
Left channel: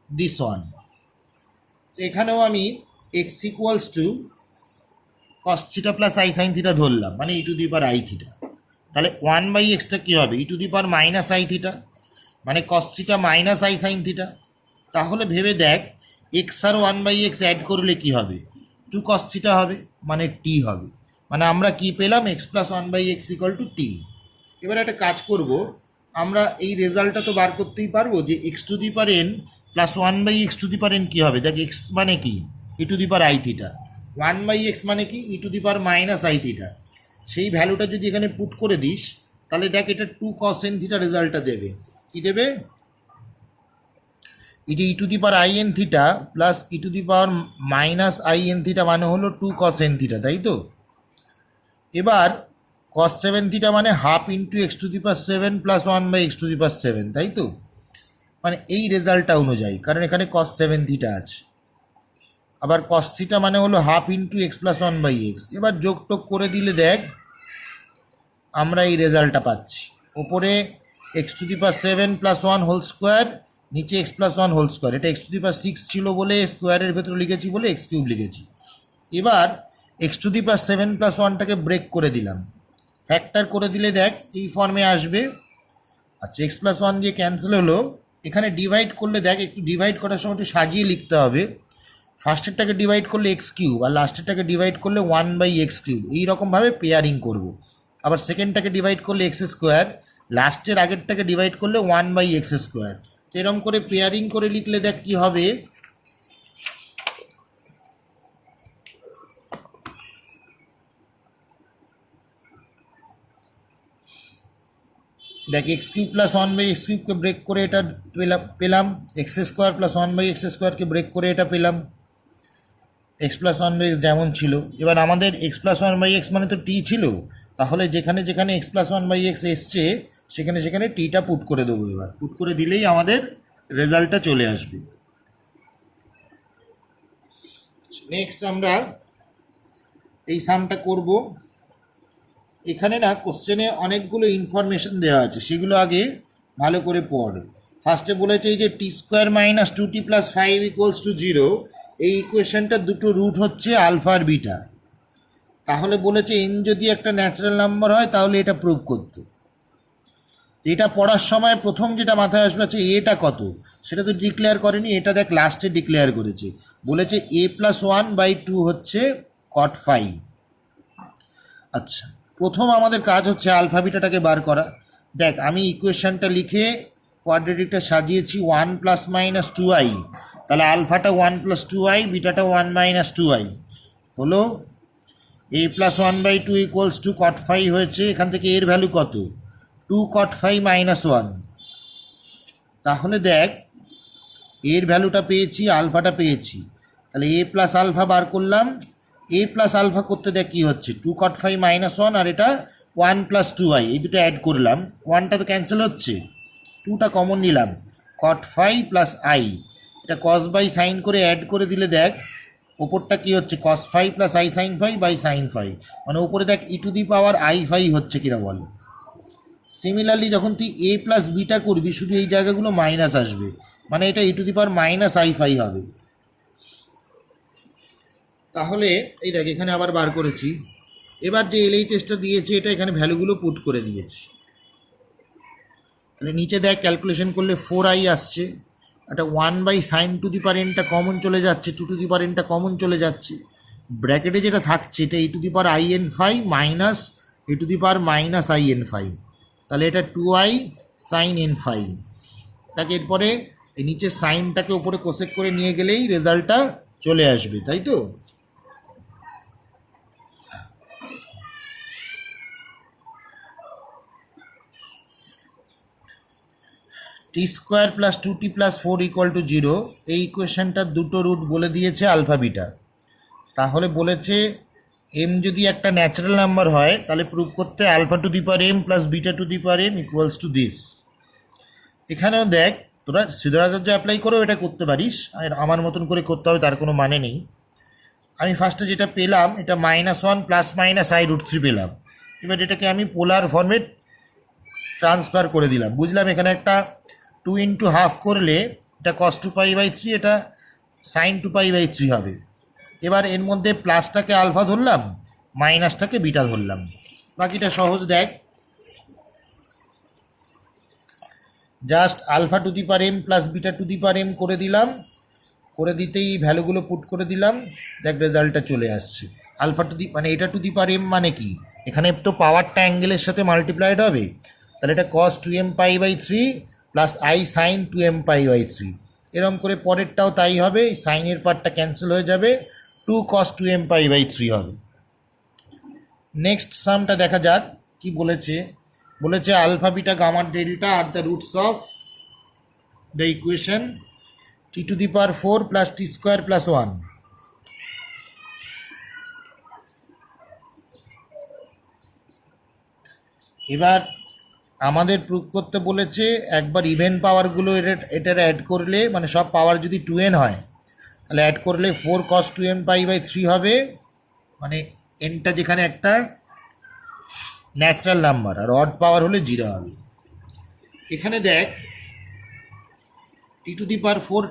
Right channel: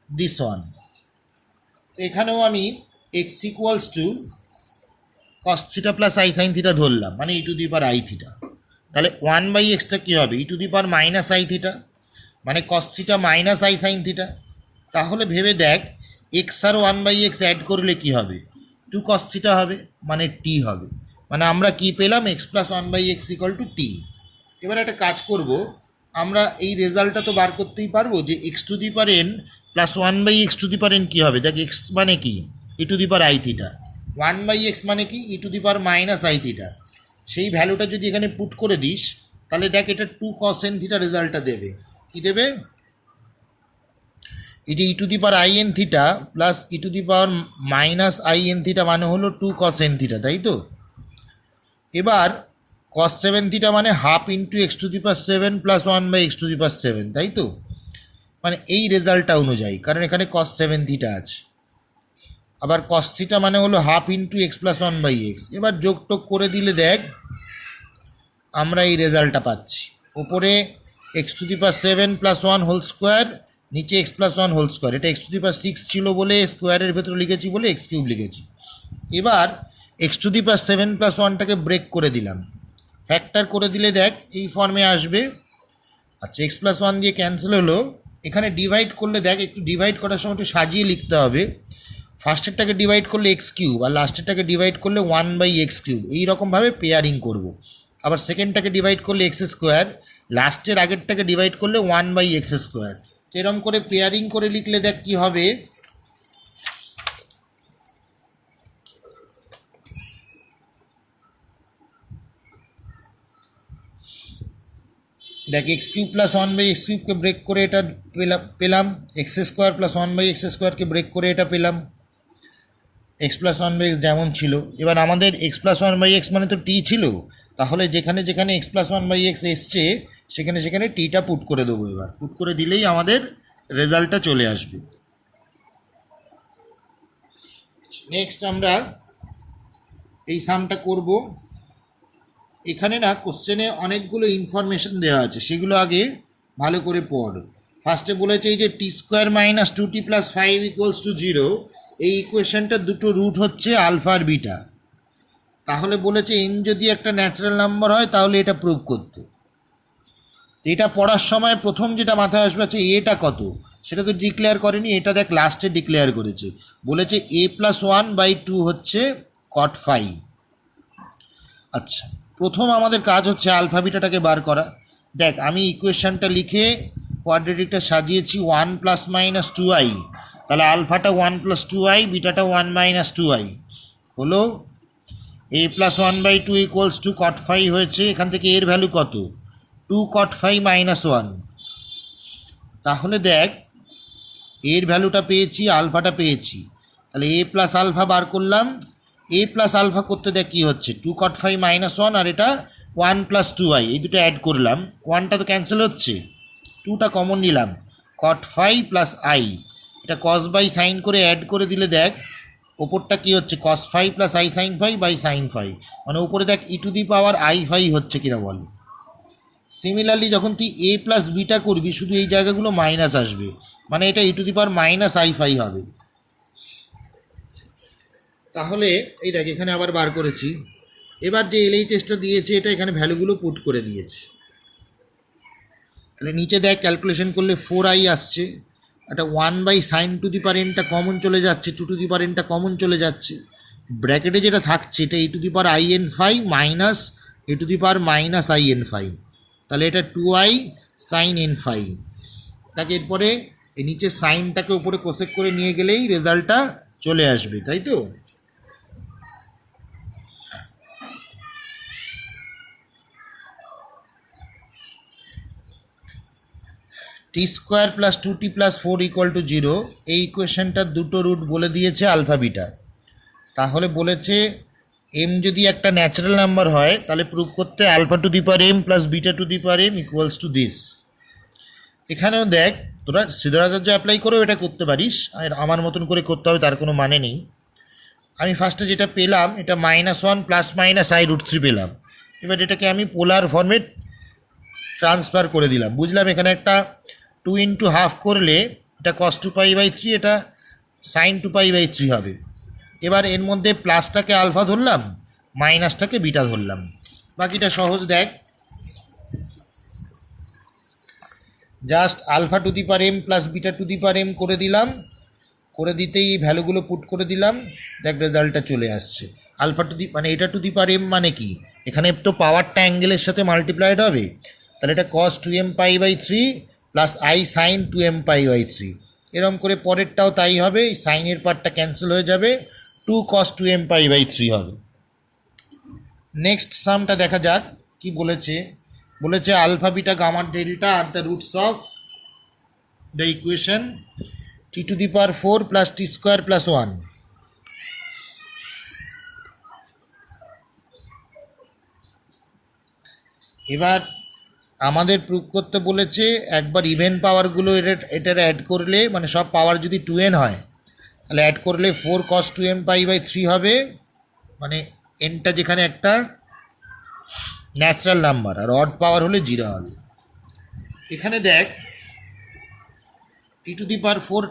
this one. এখানেও আমি x equals to cos theta plus I sine theta ধরলাম, মানে e to the power I theta. তাহলে 1/xটা কী হবে e to the power minus I theta, মানে cos theta minus i sine theta. তাহলে ভেবে দেখ এক্স আর 1/x অ্যাড করলে কি হবে 2 cos থিটা হবে, মানে টি হবে। মানে আমরা কি পেলাম x plus 1/x equal to t. এবার একটা কাজ করব, আমরা এই রেজাল্টটা তো বার করতেই পারবো যে x to the power n plus 1/x to the power n কী হবে। দেখ এক্স মানে কি e to the power I theta, 1/x মানে কি e to the power minus I theta. সেই ভ্যালুটা যদি এখানে পুট করে দিস তাহলে দেখ এটা 2 cos n থিটা রেজাল্টটা দেবে। কি দেবে? এটা e to the power i n theta plus e to the power minus i n theta মানে হলো 2 cos n থিটা, তাই তো? এবার cos 7 থিটা মানে half into x to the power 7 plus 1/x to the power 7, তাই তো? মানে এই রেজাল্টটা অনুযায়ী, কারণ এখানে cos 7 থিটা আছে। আবার কস থিটা মানে হলো half into x plus one by x. এবার যোগ টোগ করে দিলে দেখ আমরা এই রেজাল্টটা পাচ্ছি। ওপরে x to the power 7 plus 1 whole square, নিচে এক্স প্লাস 1 হোল স্কোয়ার। এটা এক্স টু দি পাওয়ার 6 ছিল বলে স্কোয়ারের ভেতরে লিখেছি বলে এক্স কিউব লিখেছি। এবার x to the power 7 plus 1টাকে ব্রেক করে দিলাম, ফ্যাক্টর করে দিলে দেখ এই ফর্মে আসবে। আচ্ছা, এক্স প্লাস 1 দিয়ে ক্যান্সেল হলো। এখানে ডিভাইড করলে দেখ, একটু ডিভাইড করার সময় একটু সাজিয়ে লিখতে হবে। ফার্স্টেরটাকে ডিভাইড করলে এক্স কিউব, আর লাস্টেরটাকে ডিভাইড করলে 1 বাই এক্স কিউব, এইরকমভাবে পেয়ারিং করব। আবার সেকেন্ডটাকে ডিভাইড করলে এক্স স্কোয়ার, লাস্টের আগেরটাকে ডিভাইড করলে 1 বাই এক্স স্কোয়ার। তো এরকম করে পেয়ারিং করে লিখলে দেখ কী হবে। দেখ x cube plus 1 by x কিউবকে ব্রেক করে এটা পেলাম, x square plus 1 by x স্কোয়ারকে ব্রেক করে এটা পেলাম, এক্স প্লাস 1 বাই এক্স যেমন ছিল। এবার আমাদের এক্স প্লাস 1 বাই এক্স মানে তো টি ছিল, তাহলে যেখানে যেখানে এক্স প্লাস 1 বাই এক্স এসছে সেখানে সেখানে টিটা পুট করে দেবো। এবার পুট করে দিলেই আমাদের রেজাল্টটা চলে আসবে। নেক্সট আমরা এই সামটা করব। এখানে না কোশ্চেনে অনেকগুলো ইনফরমেশন দেওয়া আছে, সেগুলো আগে ভালো করে পড়। ফার্স্টে বলেছে এই যে T square minus 2t plus 5 equals to 0, এই ইকুয়েশনটার দুটো রুট হচ্ছে আলফা আর বিটা। তাহলে বলেছে এন যদি একটা ন্যাচারাল নাম্বার হয় তাহলে এটা প্রুভ করতে। এটা পড়ার সময় প্রথম যেটা মাথায় আসবে আছে এটা কত, সেটা তো ডিক্লেয়ার করেনি, এটা দেখ লাস্টে ডিক্লেয়ার করেছে। বলেছে a প্লাস 1 বাই 2 হচ্ছে cot 5। আচ্ছা, প্রথম আমাদের কাজ হচ্ছে আলফা বিটাটাকে বার করা। দেখ আমি ইকুয়েশনটা লিখে কোয়াড্রেটিকটা সাজিয়েছি 1 প্লাস মাইনাস 2i, তাহলে আলফাটা 1 প্লাস 2i, বিটাটা 1 মাইনাস 2i হলো। a plus 1 by 2 equals to cot 5 হয়েছে। এখান থেকে এর ভ্যালু কত, 2 cot 5 মাইনাস 1। তাহলে দেখ এর ভ্যালুটা পেয়েছি, আলফাটা পেয়েছি, তাহলে a প্লাস আলফা বার করলাম। a প্লাস আলফা করতে দেখ কী হচ্ছে, 2 cot 5 মাইনাস 1, আর এটা 1 প্লাস 2i, এই দুটো অ্যাড করলাম। 1টা তো ক্যান্সেল হচ্ছে, 2টা কমন নিলাম, cot 5 প্লাস i, এটা cos বাই সাইন করে অ্যাড করে দিলে দেখ ওপরটা কী হচ্ছে, cos 5 plus i sine 5 by sine 5, মানে ওপরে দেখ ই টু দি পাওয়ার i 5 হচ্ছে কিনা বল। সিমিলারলি যখন তুই a প্লাস বিটা করবি শুধু এই জায়গাগুলো মাইনাস আসবে, মানে এটা e to the power minus i 5 হবে। তাহলে এই দেখ এখানে আবার বার করেছি। এবার যে এলএইচএসটা দিয়েছে এটা এখানে ভ্যালুগুলো পুট করে দিয়েছে। তাহলে নিচে দেখ ক্যালকুলেশন করলে 4i আসছে, একটা 1 by sine to the power এনটা কমন চলে যাচ্ছে, 2 টু দি পাওয়ার এনটা কমন চলে যাচ্ছে, ব্র্যাকেটে যেটা থাকছে এটা e to the power in5 minus e to the power minus in5, তাহলে এটা 2i সাইন n5। তাকে এরপরে এই নিচে সাইনটাকে উপরে কোসেক করে নিয়ে গেলেই রেজাল্টটা চলে আসবে, তাই তো। T square plus 2t plus 4 equal to 0, এই ইকুয়েশনটার দুটো রুট বলে দিয়েছে আলফা বিটা। তাহলে বলেছে এম যদি একটা ন্যাচারাল নাম্বার হয় তাহলে প্রুভ করতে alpha to the power m plus beta to the power m equals to this. এখানেও দেখ তোরা শ্রীধরাচার্য অ্যাপ্লাই করেও এটা করতে পারিস, আর আমার মতন করে করতে হবে তার কোনো মানে নেই। আমি ফার্স্টে যেটা পেলাম এটা -1 প্লাস মাইনাস i√3 পেলাম। এবার এটাকে আমি পোলার ফর্মে ট্রান্সফার করে দিলাম, বুঝলাম এখানে একটা 2 ইন্টু হাফ করলে এটা cos 2π/3, এটা sin 2π/3 হবে। এবার এর মধ্যে প্লাসটাকে আলফা ধরলাম, মাইনাসটাকে বিটা ধরলাম, বাকিটা সহজ। দেখ just alpha to the power m plus beta to the power m করে দিলাম, করে দিতেই ভ্যালুগুলো পুট করে দিলাম, দেখ রেজাল্টটা চলে আসছে। আলফা টু দি মানে এটা টু দি পাওয়ার এম মানে কি, এখানে তো পাওয়ারটা অ্যাঙ্গেলের সাথে মাল্টিপ্লাইড হবে, তাহলে এটা cos 2mπ/3 plus i sign 2mπ/3। এরকম করে পরেরটাও তাই হবে, সাইনের পার্টটা ক্যান্সেল হয়ে যাবে, 2 cos 2mπ/3 হবে। নেক্সট সামটা দেখা যাক কি বলেছে। বলেছে alpha beta gamma delta are the roots of the equation t to the power 4 plus t square plus 1। এবার আমাদের প্রুভ করতে বলেছে একবার ইভেন পাওয়ারগুলো এটার অ্যাড করলে, মানে সব পাওয়ার যদি 2n হয় তাহলে অ্যাড করলে 4 cos 2m π/3 হবে, মানে এনটা যেখানে একটা ন্যাচারাল নাম্বার আর অড পাওয়ার হলে 0 হবে। এখানে দেখ t⁴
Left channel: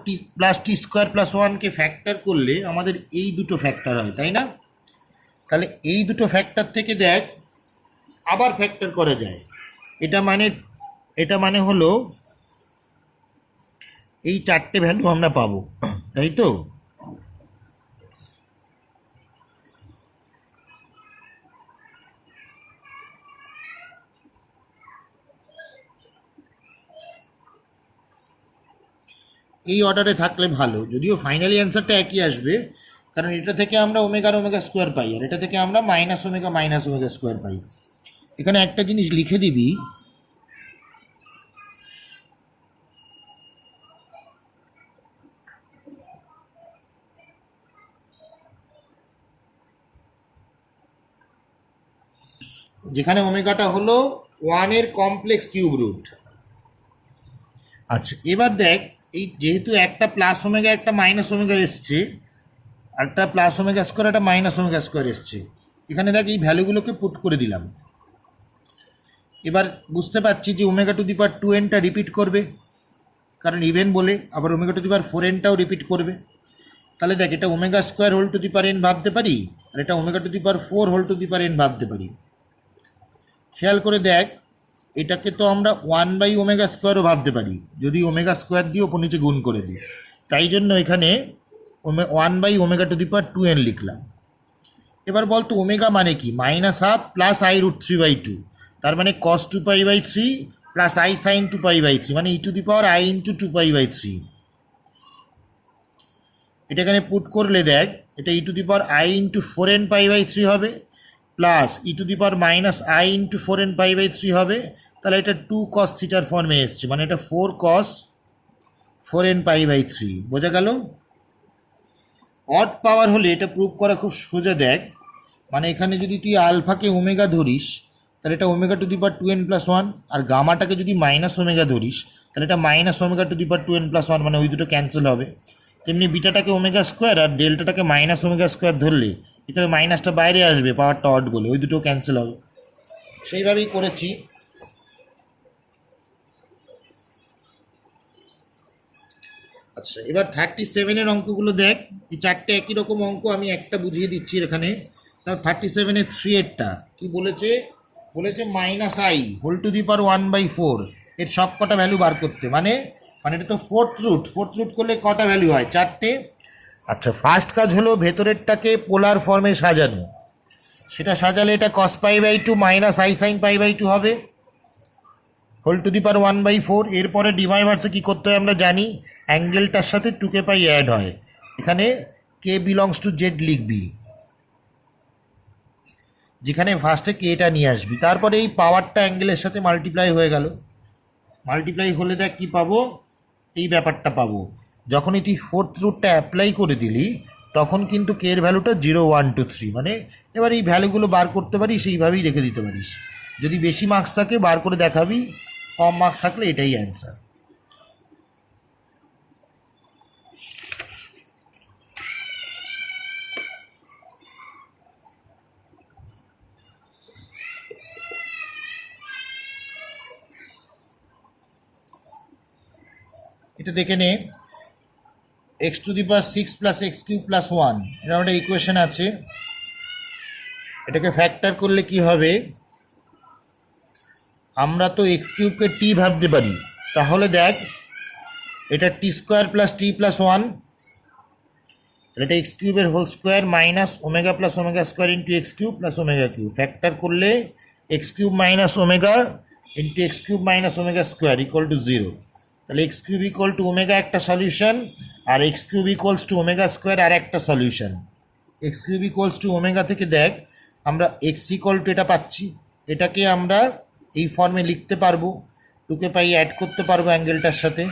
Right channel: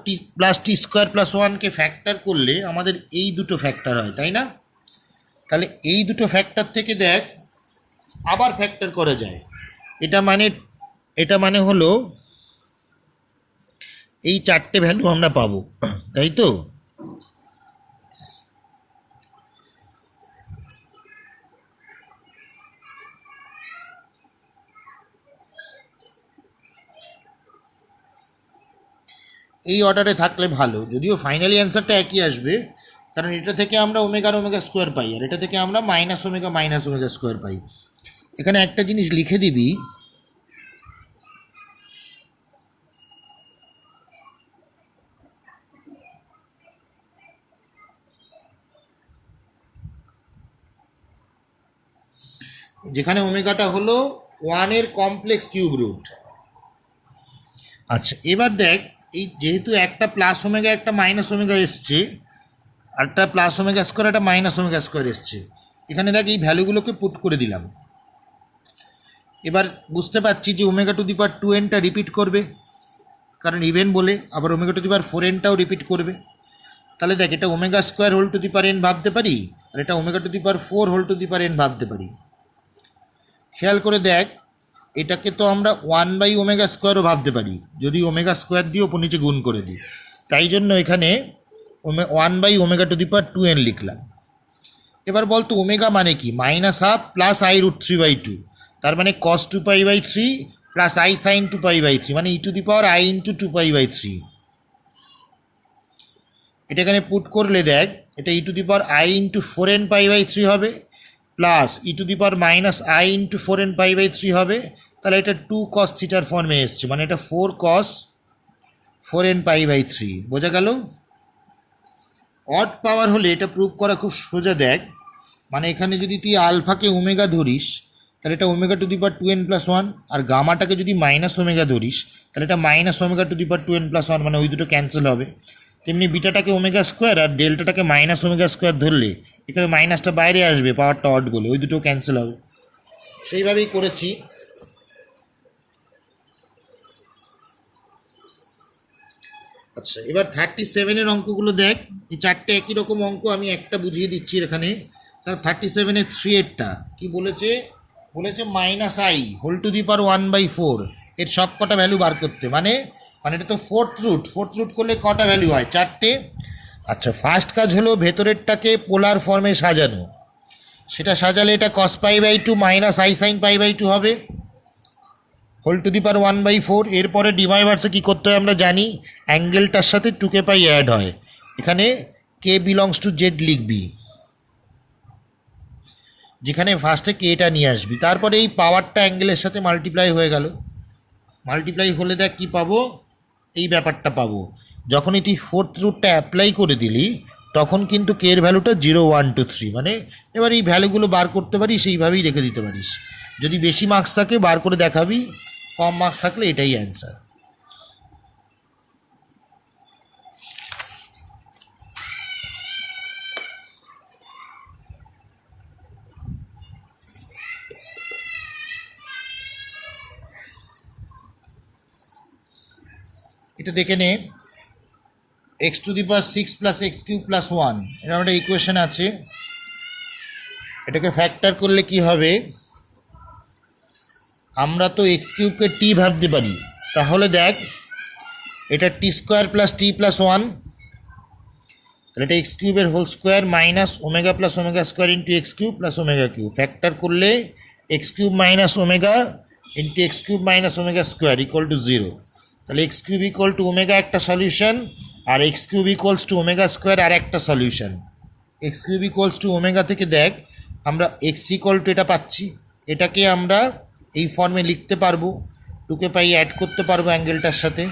t প্লাস t²+1কে ফ্যাক্টর করলে আমাদের এই দুটো ফ্যাক্টর হয়, তাই না? তাহলে এই দুটো ফ্যাক্টর থেকে দেখ আবার ফ্যাক্টর করা যায়। এটা মানে হলো এই চারটে ভ্যালু আমরা পাবো, তাই তো? এই অর্ডারে থাকলে ভালো, যদিও ফাইনালি অ্যান্সারটা একই আসবে, কারণ এটা থেকে আমরা ওমেগা স্কোয়ার পাই আর এটা থেকে আমরা -ওমেগা স্কোয়ার পাই। এখানে একটা জিনিস লিখে দিবি, যেখানে ওমেগাটা হলো 1-এর কমপ্লেক্স কিউব রুট। আচ্ছা, এবার দেখ এই যেহেতু একটা প্লাস ওমেগা একটা মাইনাস ওমেগা এসছে, আরটা প্লাস ওমেগা স্কোয়ার একটা মাইনাস ওমেগা স্কোয়ার এসছে, এখানে দেখ এই ভ্যালুগুলোকে পুট করে দিলাম। এবার বুঝতে পারছি যে ω2n রিপিট করবে, কারণ ইভেন বলে, আবার ω4nটাও রিপিট করবে। তাহলে দেখ এটা ω² ভাবতে পারি আর এটা ω4n ভাবতে পারি। খেয়াল করে দেখ এটাকে তো আমরা 1/ω² ভাবতে পারি যদি ω² দিয়ে ওপর নিচে গুণ করে দিই, তাই জন্য এখানে 1/ω2n লিখলাম। এবার বলতো ওমেগা মানে কি? -½ প্লাস i√3/2, তার মানে cos 2π/3 প্লাস i sin 2π/3, মানে e⁻i×2π/3। এটা এখানে পুট করলে দেখ এটা e⁻i×4n π/3 হবে প্লাস e⁻−i×4n π/3 হবে। তাহলে এটা 2 cos থিটার ফর্মে এসছে, মানে এটা 4 cos 4n π/3। বোঝা গেল? অড পাওয়ার হলে এটা প্রুভ করা খুব সোজা। দেখ মানে এখানে যদি তুই আলফাকে ওমেগা ধরিস তাহলে এটা ω2n+1, আর গামাটাকে যদি মাইনাস ওমেগা ধরিস তাহলে এটা -ω2n+1, মানে ওই দুটো ক্যান্সেল হবে। তেমনি বিটাটাকে ω² আর ডেল্টাটাকে -ω² ধরলে এখানে মাইনাসটা বাইরে আসবে, পাওয়ারটা অড বলে, ওই দুটো ক্যান্সেল হবে। সেইভাবেই করেছি। আচ্ছা, এবার 37-এর অঙ্কগুলো দেখ। এই চারটে একই রকম অঙ্ক, আমি একটা বুঝিয়ে দিচ্ছি এখানে। 37-এর 3-এরটা কি বলেছে? বলেছে -i⁴ এর সব কটা ভ্যালু বার করতে, মানে এটা তো ফোর্থ রুট করলে কটা ভ্যালু হয়? 4টে। আচ্ছা, ফার্স্ট কাজ হলো ভেতরেরটাকে পোলার ফর্মে সাজানো। সেটা সাজালে এটা cos π/2 - i sin π/2 হবে ⁴ এরপরে ডিভাইভার্সে কী করতে হয় আমরা জানি, অ্যাঙ্গেলটার সাথে 2k π অ্যাড হয়। এখানে k বিলংস টু জেড লিখবি, যেখানে ফার্স্টে কেটা নিয়ে আসবি, তারপরে এই পাওয়ারটা অ্যাঙ্গেলের সাথে মাল্টিপ্লাই হয়ে গেল। মাল্টিপ্লাই হলে দেখ কী পাবো? এই ব্যাপারটা পাবো। যখন এটি ফোর্থ রুটটা অ্যাপ্লাই করে দিলি তখন কিন্তু কে এর ভ্যালুটা 0, 1, 2, 3, মানে এবার এই ভ্যালুগুলো বার করতে পারিস, সেইভাবেই রেখে দিতে পারিস। যদি বেশি মার্কস থাকে বার করে দেখাবি, কম মার্কস থাকলে এটাই অ্যান্সার। এটা দেখে নে, x⁶ প্লাস x³ প্লাস 1 এরকম একটা ইকুয়েশন আছে। এটাকে ফ্যাক্টর করলে কি হবে? আমরা তো x³ টি ভাবতে পারি, তাহলে দেখ এটা t² প্লাস t প্লাস 1, তাহলে এটা x³ এর whole square minus omega plus omega square into x³ plus omega Q. Factor করলে x³ minus omega into x³ minus omega square equal to 0। তাহলে x³ ইকুয়াল টু ওমেগা একটা solution, আর x³ equals to omega square আর একটা solution. x³ equals to omega থেকে দেখ আমরা x equal to এটা পাচ্ছি, এটাকে আমরা এই ফর্মে লিখতে পারবো, 2k π অ্যাড করতে পারবো অ্যাঙ্গেলটার সাথে।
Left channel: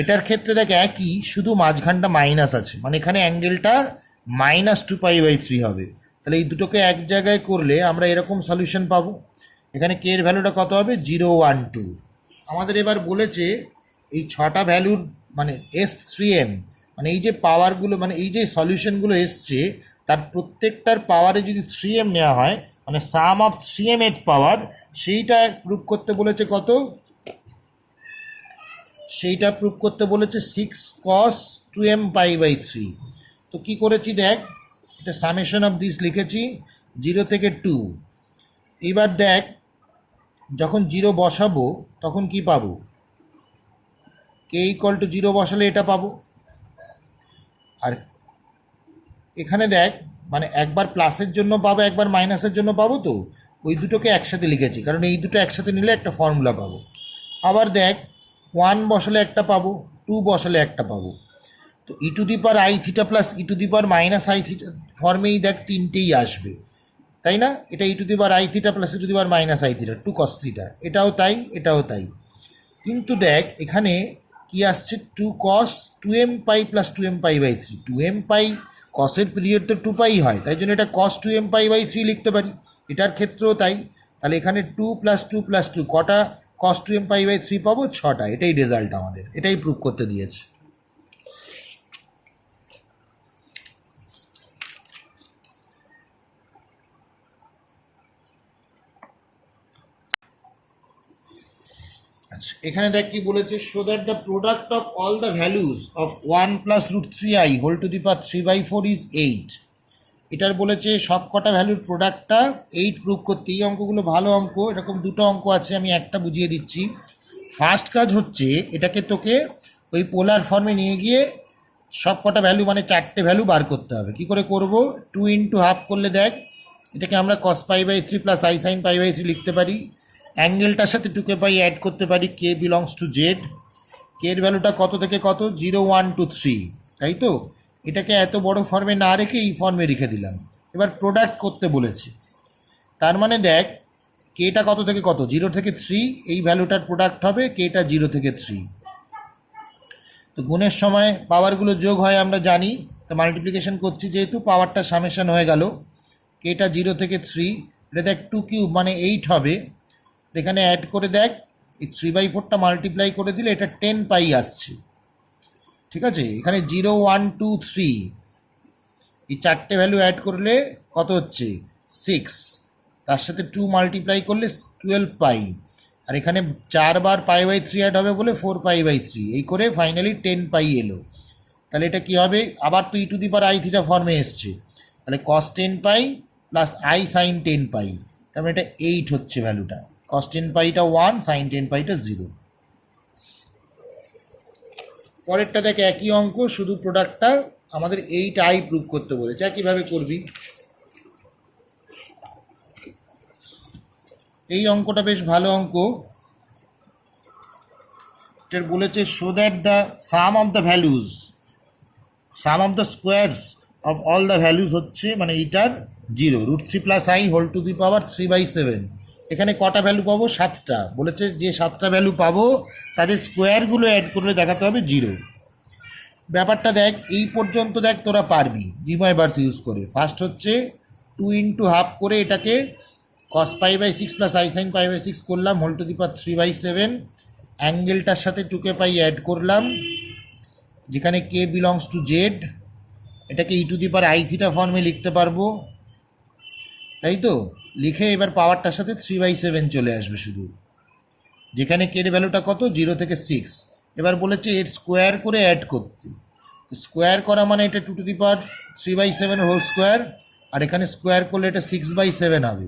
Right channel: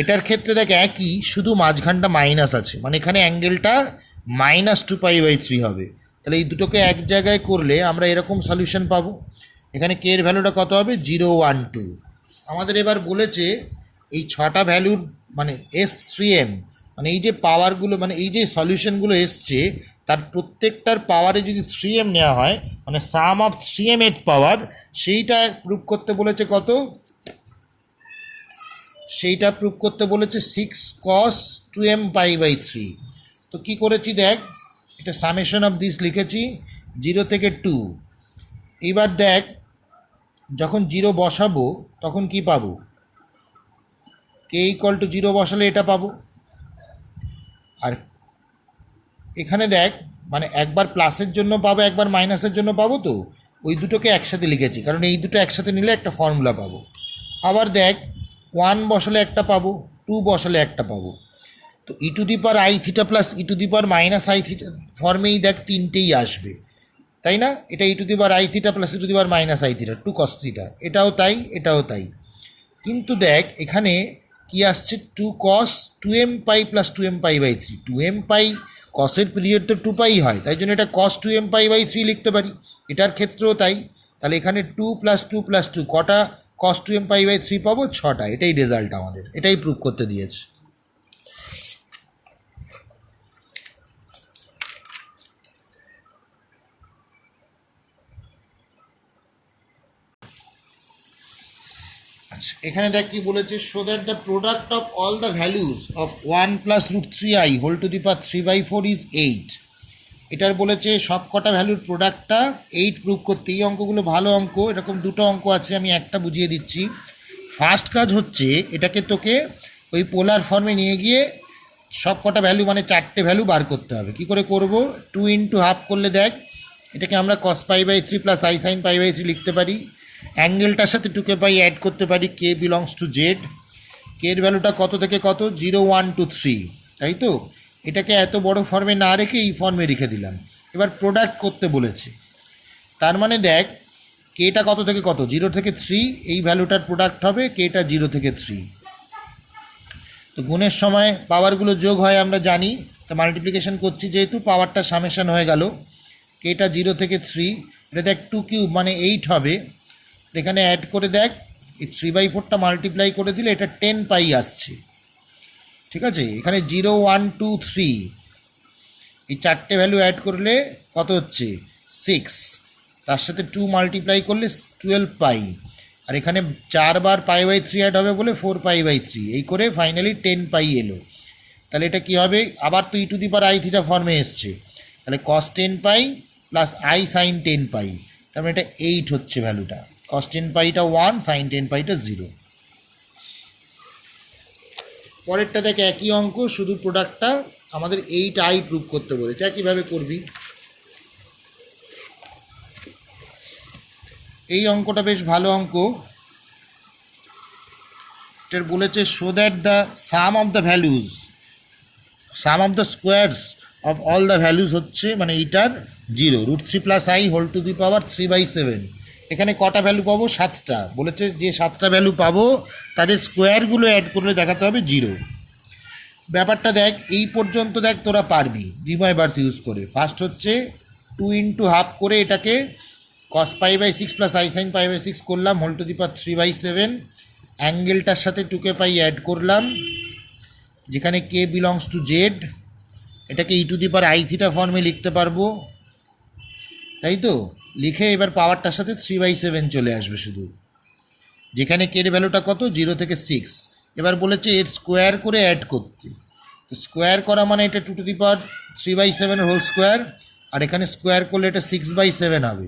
এটার ক্ষেত্রে দেখ একই, শুধু মাঝখানটা মাইনাস আছে, মানে এখানে অ্যাঙ্গেলটা -2π/3 হবে। তাহলে এই দুটোকে এক জায়গায় করলে আমরা এরকম সলিউশন পাবো। এখানে কে এর ভ্যালুটা কত হবে? 0, 1, 2। আমাদের এবার বলেছে এই 6টা ভ্যালুর মানে S3m মানে এই যে পাওয়ারগুলো, মানে এই যে সলিউশনগুলো এসছে তার প্রত্যেকটার পাওয়ারে যদি 3m নেওয়া হয়, মানে সাম অফ 3m এর পাওয়ার, সেইটা প্রুভ করতে বলেছে কত, সেইটা প্রুভ করতে বলেছে 6 cos 2m পাই বাই 3। তো কী করেছি দেখ, এটা সামেশন অফ দিস লিখেছি 0 থেকে 2। এইবার দেখ যখন 0 বসাবো তখন কি পাবো, কে ইকুয়াল টু 0 বসালে এটা পাবো। আর এখানে দেখ মানে একবার প্লাসের জন্য পাবো একবার মাইনাসের জন্য পাবো, তো ওই দুটোকে একসাথে লিখেছি কারণ এই দুটো একসাথে নিলে একটা ফর্মুলা পাবো। আবার দেখ 1 বসালে একটা পাবো, 2 বসালে একটা পাবো। তো e to the power I theta plus e to the power minus I theta ফর্মেই দেখ তিনটেই আসবে, তাই না? এটা e to the power I theta plus e to the power minus I theta 2 cos থিটা, এটাও তাই এটাও তাই। কিন্তু দেখ এখানে কি আসছে, 2 cos 2m pi plus 2m pi by 3। 2m pi কসের পিরিয়ড তো 2 পাই হয়, তাই জন্য এটা cos 2m পাই বাই 3 লিখতে পারি, এটার ক্ষেত্রেও তাই। তাহলে এখানে 2 প্লাস 2 প্লাস 2 কটা cos 2m পাই বাই 3 পাবো, 6টা। এটাই রেজাল্ট আমাদের, এটাই প্রুভ করতে দিয়েছে। এখানে দেখ কি বলেছে, show that the product of all the values of 1 plus root 3i whole to the power 3/4 is 8। এটার বলেছে সব কটা ভ্যালুর প্রোডাক্টটা 8 প্রুভ করতে। এই অঙ্কগুলো ভালো অঙ্ক, এরকম দুটো অঙ্ক আছে, আমি একটা বুঝিয়ে দিচ্ছি। ফার্স্ট কাজ হচ্ছে এটাকে তোকে ওই পোলার ফর্মে নিয়ে গিয়ে সব কটা ভ্যালু মানে 4টে ভ্যালু বার করতে হবে। কি করে করব, 2 ইন্টু হাফ করলে দেখ এটাকে আমরা cos pi by 3 plus I sine pi by 3 লিখতে পারি। অ্যাঙ্গেলটার সাথে 2k পাই অ্যাড করতে পারি, কে বিলংস টু জেড। কে এর ভ্যালুটা কত থেকে কত, 0 1 2 3, তাই তো? এটাকে এত বড় ফর্মে না রেখে এই ফর্মে রেখে দিলাম। এবার প্রোডাক্ট করতে বলেছে, তার মানে দেখ কেটা কত থেকে কত, 0 থেকে 3, এই ভ্যালুটার প্রোডাক্ট হবে কেটা 0 থেকে 3। তো গুণের সময় পাওয়ারগুলো যোগ হয় আমরা জানি, তো মাল্টিপ্লিকেশন করছি যেহেতু পাওয়ারটা সামেশন হয়ে গেল। কেটা 0 থেকে 3, এটা দেখ 2 কিউব মানে 8 হবে। এখানে অ্যাড করে দেখ এই 3/4টা মাল্টিপ্লাই করে দিলে এটা 10 পাই আসছে, ঠিক আছে? এখানে 0 1 2 3, এই 4টে ভ্যালু অ্যাড করলে কত হচ্ছে 6, তার সাথে 2 মাল্টিপ্লাই করলে 12 পাই, আর এখানে 4 বার পাই বাই 3 অ্যাড হবে বলে 4 পাই বাই 3, এই করে ফাইনালি 10 পাই এলো। তাহলে এটা কি হবে, আবার তো e to the power I theta ফর্মে এসছে, তাহলে cos 10 pi plus I sine 10 pi, তার মানে এটা 8 হচ্ছে ভ্যালুটা। cos 10 পাইটা 1, সাইন 10 পাইটা 0। পরেরটা দেখ একই অঙ্ক, শুধু প্রোডাক্টটা আমাদের 8i প্রুভ করতে বলেছে। একইভাবে করবি। এই অঙ্কটা বেশ ভালো অঙ্ক। এটার বলেছে show that the sum of the values, sum of the squares of all the values হচ্ছে মানে এইটার 0, root 3 plus I whole to the power 3/7। এখানে কটা ভ্যালু পাবো, 7টা। বলেছে যে 7টা ভ্যালু পাবো তাদের স্কোয়ারগুলো অ্যাড করলে দেখাতে হবে 0। ব্যাপারটা দেখ এই পর্যন্ত দেখ তোরা পারবি রিমাইভার্স ইউজ করে। ফার্স্ট হচ্ছে 2 ইন্টু হাফ করে এটাকে cos pi by 6 plus I sine pi by 6 করলাম হোল টু দি পাওয়ার 3/7। অ্যাঙ্গেলটার সাথে 2k পাই অ্যাড করলাম, যেখানে কে বিলংস টু জেড। এটাকে e to the power I theta ফর্মে লিখতে পারবো, তাই তো? লিখে এবার পাওয়ারটার সাথে 3/7 চলে আসবে শুধু, যেখানে কে এর ভ্যালুটা কত, 0 থেকে 6। এবার বলেছে এর স্কোয়ার করে অ্যাড করতে। স্কোয়ার করা মানে এটা 2 to the power 3/7 whole square, আর এখানে স্কোয়ার করলে এটা 6/7 হবে।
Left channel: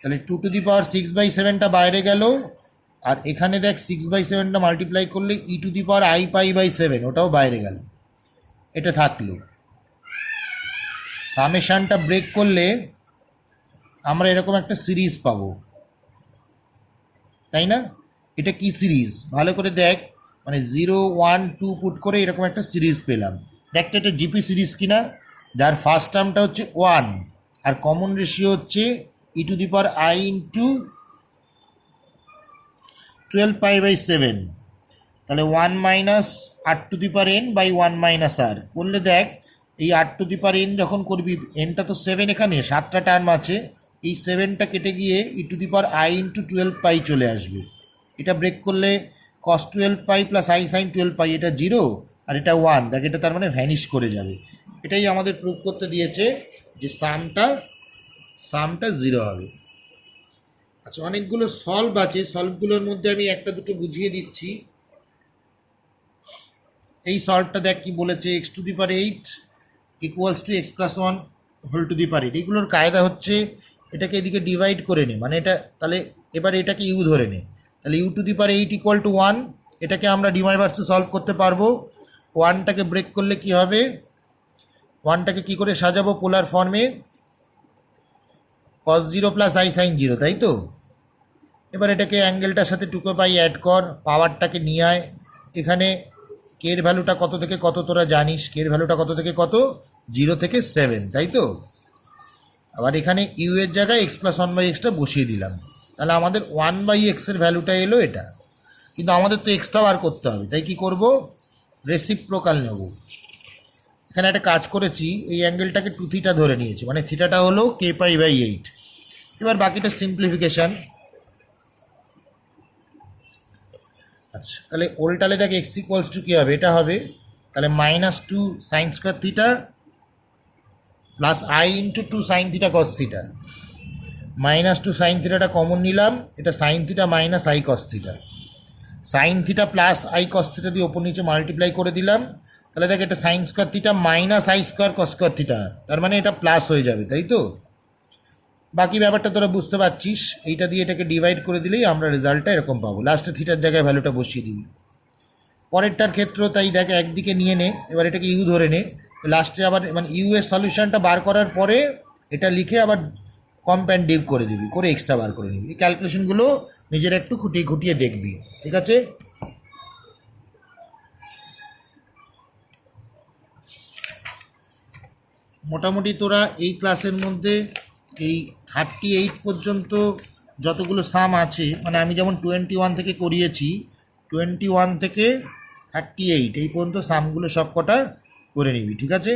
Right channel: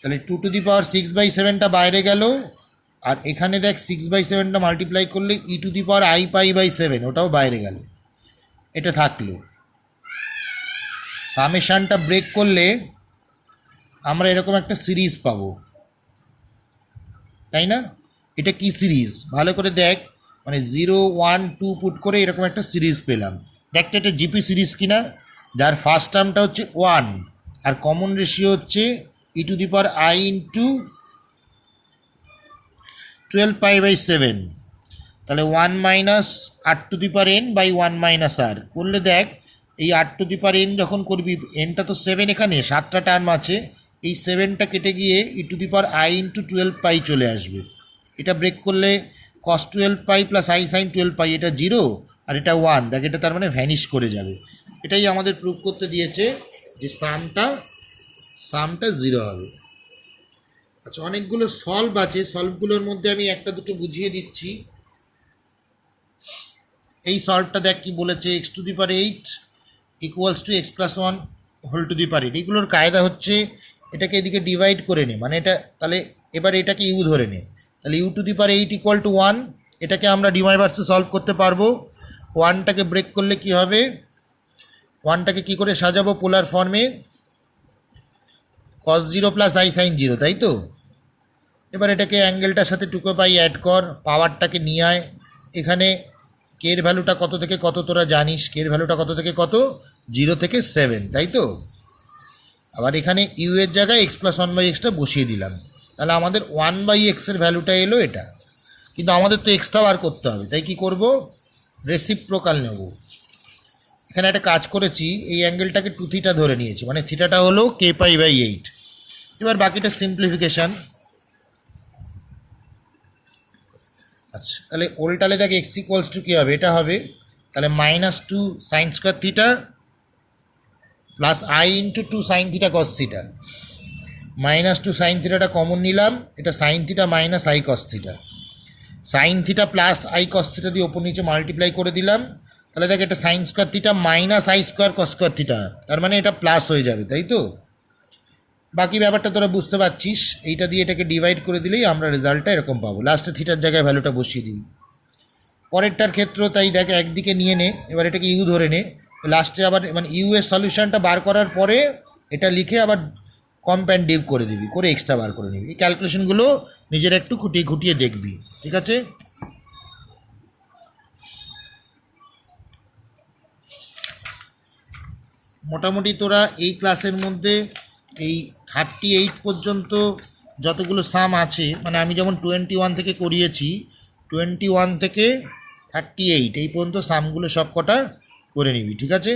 তাহলে 2 টু দি পাওয়ার 6/7টা বাইরে গেল, আর এখানে দেখ 6/7টা মাল্টিপ্লাই করলে e to the power I pi by 7, ওটাও বাইরে গেল, এটা থাকলো। সামেশানটা ব্রেক করলে আমরা এরকম একটা সিরিজ পাবো, তাই না? এটা কি সিরিজ ভালো করে দেখ, মানে 0 1 2 পুট করে এরকম একটা সিরিজ পেলাম। দেখতে এটা জিপি সিরিজ কিনা, যার ফার্স্ট টার্মটা হচ্ছে 1 আর কমন রেশিও হচ্ছে e to the power I into 12 pi by 7। তাহলে 1 minus R to the power N by 1 minus R করলে দেখ এই আর টু দি পাওয়ার এন যখন করবি, এনটা তো 7, এখানে 7টা টার্ম আছে, এই 7টা কেটে গিয়ে e to the power I into 12 pi চলে আসবে। এটা ব্রেক করলে cos 12 pi plus I sine 12 pi, এটা 0, আর এটা 1, দেখ এটা তার মানে ভ্যানিশ করে যাবে। এটাই আমাদের প্রুভ করতে দিয়েছে যে সামটা 0 হবে। আচ্ছা, অনেকগুলো সলভ আছে, সলভগুলোর মধ্যে আমি একটা দুটো বুঝিয়ে দিচ্ছি। এই সলভটা দেখ কি বলেছে, x⁸ equals to x+1 whole to the power 8। এগুলোর কায়দা হচ্ছে এটাকে এদিকে ডিভাইড করে নে, মানে এটা তাহলে এবার এটাকে ইউ ধরে নে, তাহলে u⁸ ইকুয়াল টু 1। এটাকে আমরা ডিমাইভার্সে সলভ করতে পারবো। 1টাকে ব্রেক করলে কি হবে, 1টাকে কী করে সাজাবো পোলার ফর্মে, cos 0 প্লাস i sin 0, তাই তো। এবার এটাকে অ্যাঙ্গেলটার সাথে 2π অ্যাড কর, পাওয়ারটাকে নিয়ে আয়। এখানে কের ভ্যালুটা কত থেকে কত তোরা জানিস, কের ভ্যালুটা কত থেকে কত, 0 থেকে 7, তাই তো। আবার এখানে ইউ এর জায়গায় x+1/x বসিয়ে দিলাম, তাহলে আমাদের 1/x এর ভ্যালুটা এলো এটা। কিন্তু আমাদের তো এক্সটা বার করতে হবে, তাই কি করব, রেসিপ্রোকাল নেব। এখানে একটা কাজ করেছি, এই অ্যাঙ্গেলটাকে 2θ ধরে নিয়েছি, মানে থিটাটা হলো kπ/8। এবার বাকিটা সিম্পলিফিকেশান। আচ্ছা, তাহলে ওল্টালে দেখ x ইকুয়ালস টু কী হবে, এটা হবে তাহলে -2 sin square theta plus i into 2 sin theta cos theta. -2 sin থিটাটা কমন নিলাম, এটা sin theta minus i cos theta, sin theta plus i cos theta দিয়ে ওপর নিচে মাল্টিপ্লাই করে দিলাম। তাহলে দেখ এটা sin square theta minus i square cos square theta, তার মানে এটা প্লাস হয়ে যাবে, তাই তো। বাকি ব্যাপারটা তোরা বুঝতে পারছিস, এইটা দিয়ে এটাকে ডিভাইড করে দিলেই আমরা রেজাল্টটা এরকম পাবো। লাস্টে থিটার জায়গায় ভ্যালুটা বসিয়ে দিবি। পরেরটার ক্ষেত্রেও তাই, দেখ একদিকে নিয়ে নে, এবার এটাকে ইউ ধরে নে, লাস্টে আবার মানে ইউ এর সলিউশনটা বার করার পরে এটা লিখে আবার কম্প্যান্ডিভ করে দিবি, করে এক্সট্রা বার করে নিবি। এই ক্যালকুলেশনগুলো নিজের একটু খুঁটিয়ে খুঁটিয়ে দেখবি, ঠিক আছে। মোটামুটি তোরা এই ক্লাসের মধ্যে এই 38 পর্যন্ত যতগুলো সাম আছে, মানে আমি যেমন 21 থেকে করিয়েছি, 21 থেকে 38 এই পর্যন্ত সামগুলো সব কটা করে নিবি, ঠিক আছে।